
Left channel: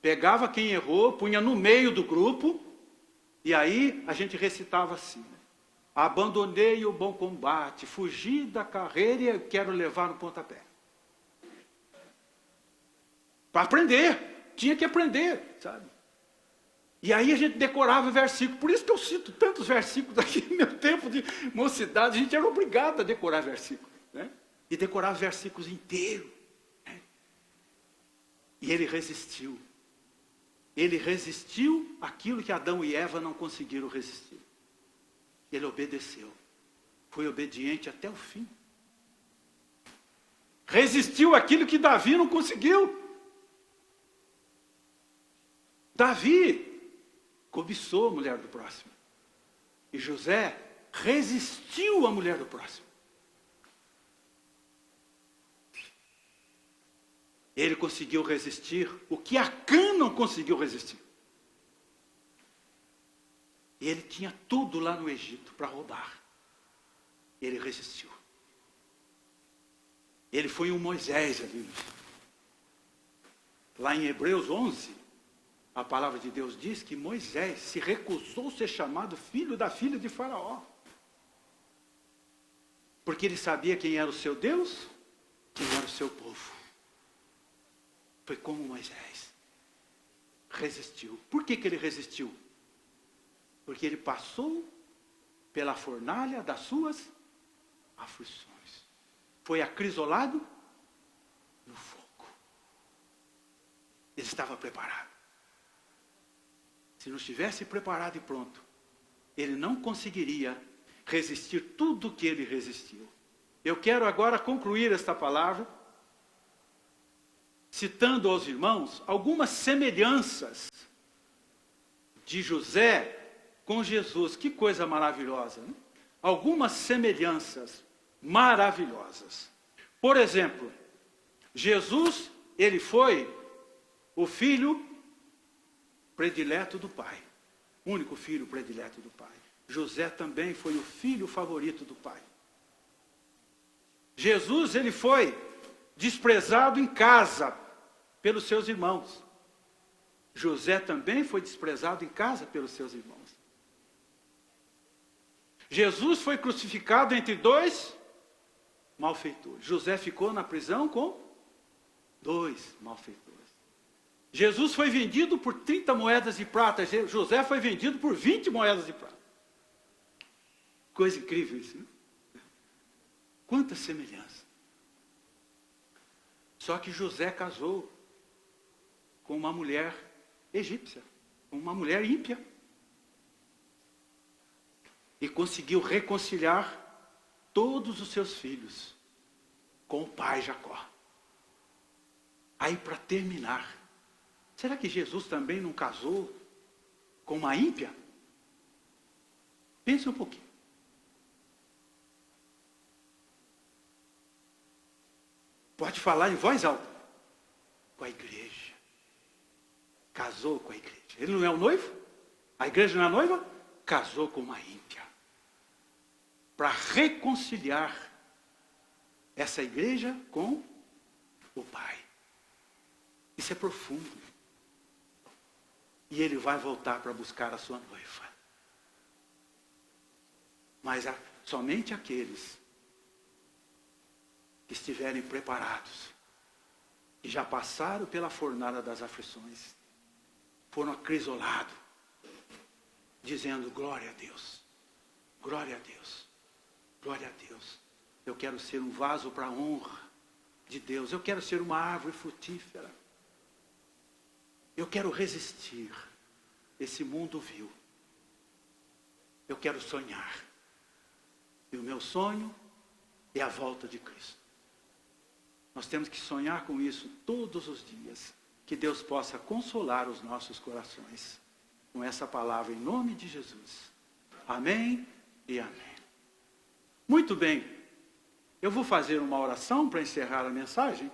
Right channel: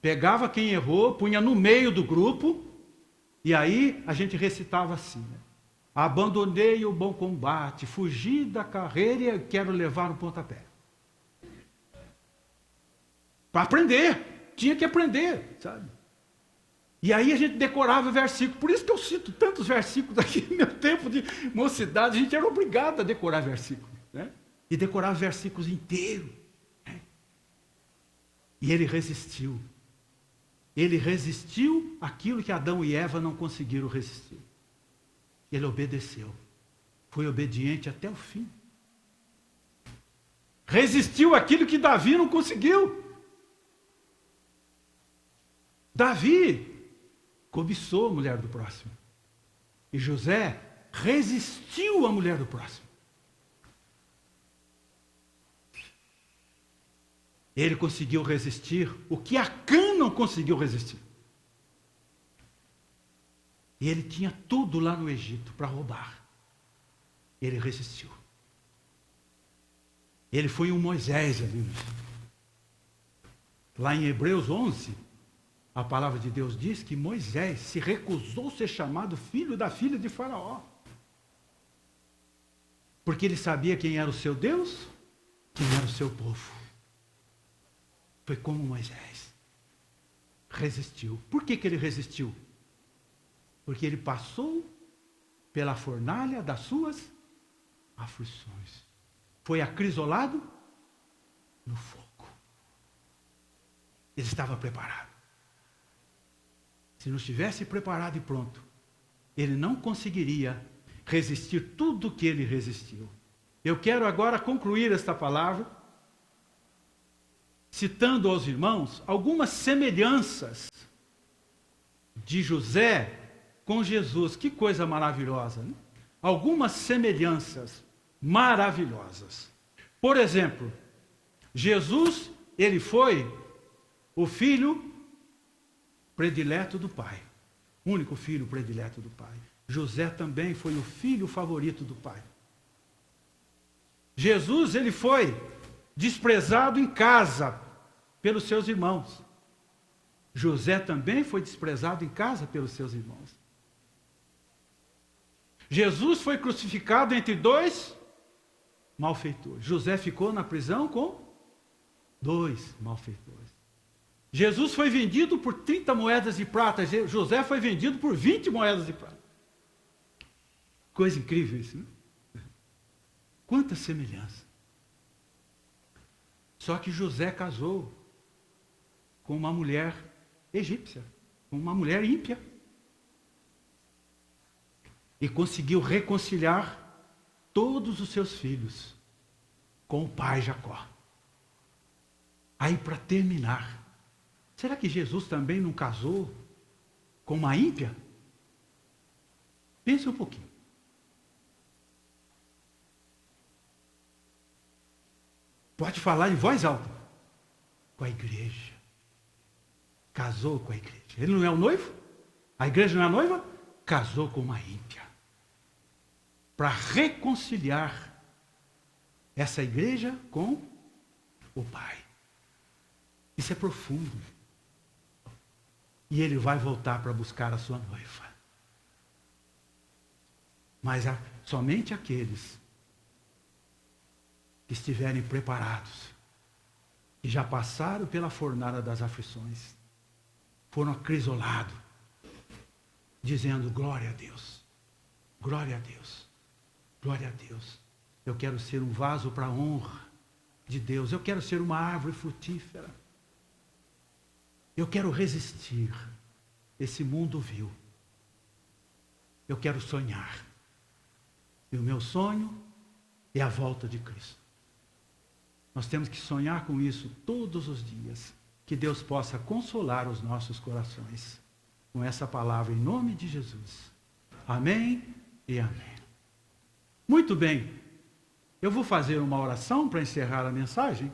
Pegava quem errou, punha no meio do grupo, e aí a gente recitava assim, né? Abandonei o bom combate, fugi da carreira e quero levar no pontapé. Para aprender, tinha que aprender, sabe? E aí a gente decorava versículos, por isso que eu cito tantos versículos aqui no meu tempo de mocidade, a gente era obrigado a decorar versículos, né? E decorar versículos inteiros. Né? E ele resistiu. Ele resistiu àquilo que Adão e Eva não conseguiram resistir. Ele obedeceu. Foi obediente até o fim. Resistiu àquilo que Davi não conseguiu. Davi cobiçou a mulher do próximo. E José resistiu à mulher do próximo. Ele conseguiu resistir o que Acã não conseguiu resistir. E ele tinha tudo lá no Egito para roubar. Ele resistiu. Ele foi um Moisés ali. Lá em Hebreus 11, a palavra de Deus diz que Moisés se recusou a ser chamado filho da filha de Faraó. Porque ele sabia quem era o seu Deus, quem era o seu povo. Foi como Moisés. Resistiu. Por que ele resistiu? Porque ele passou pela fornalha das suas aflições. Foi acrisolado no fogo. Ele estava preparado. Se não estivesse preparado e pronto, ele não conseguiria resistir tudo o que ele resistiu. Eu quero agora concluir esta palavra, citando aos irmãos algumas semelhanças de José com Jesus. Que coisa maravilhosa, né? Algumas semelhanças maravilhosas. Por exemplo, Jesus, ele foi o filho predileto do Pai. Único filho predileto do Pai. José também foi o filho favorito do Pai. Jesus, ele foi desprezado em casa pelos seus irmãos. José também foi desprezado em casa pelos seus irmãos. Jesus foi crucificado entre dois malfeitores. José ficou na prisão com 2 malfeitores. Jesus foi vendido por 30 moedas de prata. José foi vendido por 20 moedas de prata. Coisa incrível isso, né? Quanta semelhança. Só que José casou com uma mulher egípcia, com uma mulher ímpia. E conseguiu reconciliar todos os seus filhos com o pai Jacó. Aí, para terminar, será que Jesus também não casou com uma ímpia? Pense um pouquinho. Pode falar em voz alta. Com a igreja. Casou com a igreja. Ele não é o noivo? A igreja não é a noiva? Casou com uma ímpia. Para reconciliar essa igreja com o Pai. Isso é profundo. E ele vai voltar para buscar a sua noiva. Mas somente aqueles que estiverem preparados, que já passaram pela fornalha das aflições, foram acrisolados, dizendo glória a Deus, glória a Deus, glória a Deus. Eu quero ser um vaso para a honra de Deus, eu quero ser uma árvore frutífera, eu quero resistir esse mundo vil, eu quero sonhar, e o meu sonho é a volta de Cristo. Nós temos que sonhar com isso todos os dias, que Deus possa consolar os nossos corações com essa palavra em nome de Jesus. Amém e amém. Muito bem, eu vou fazer uma oração para encerrar a mensagem.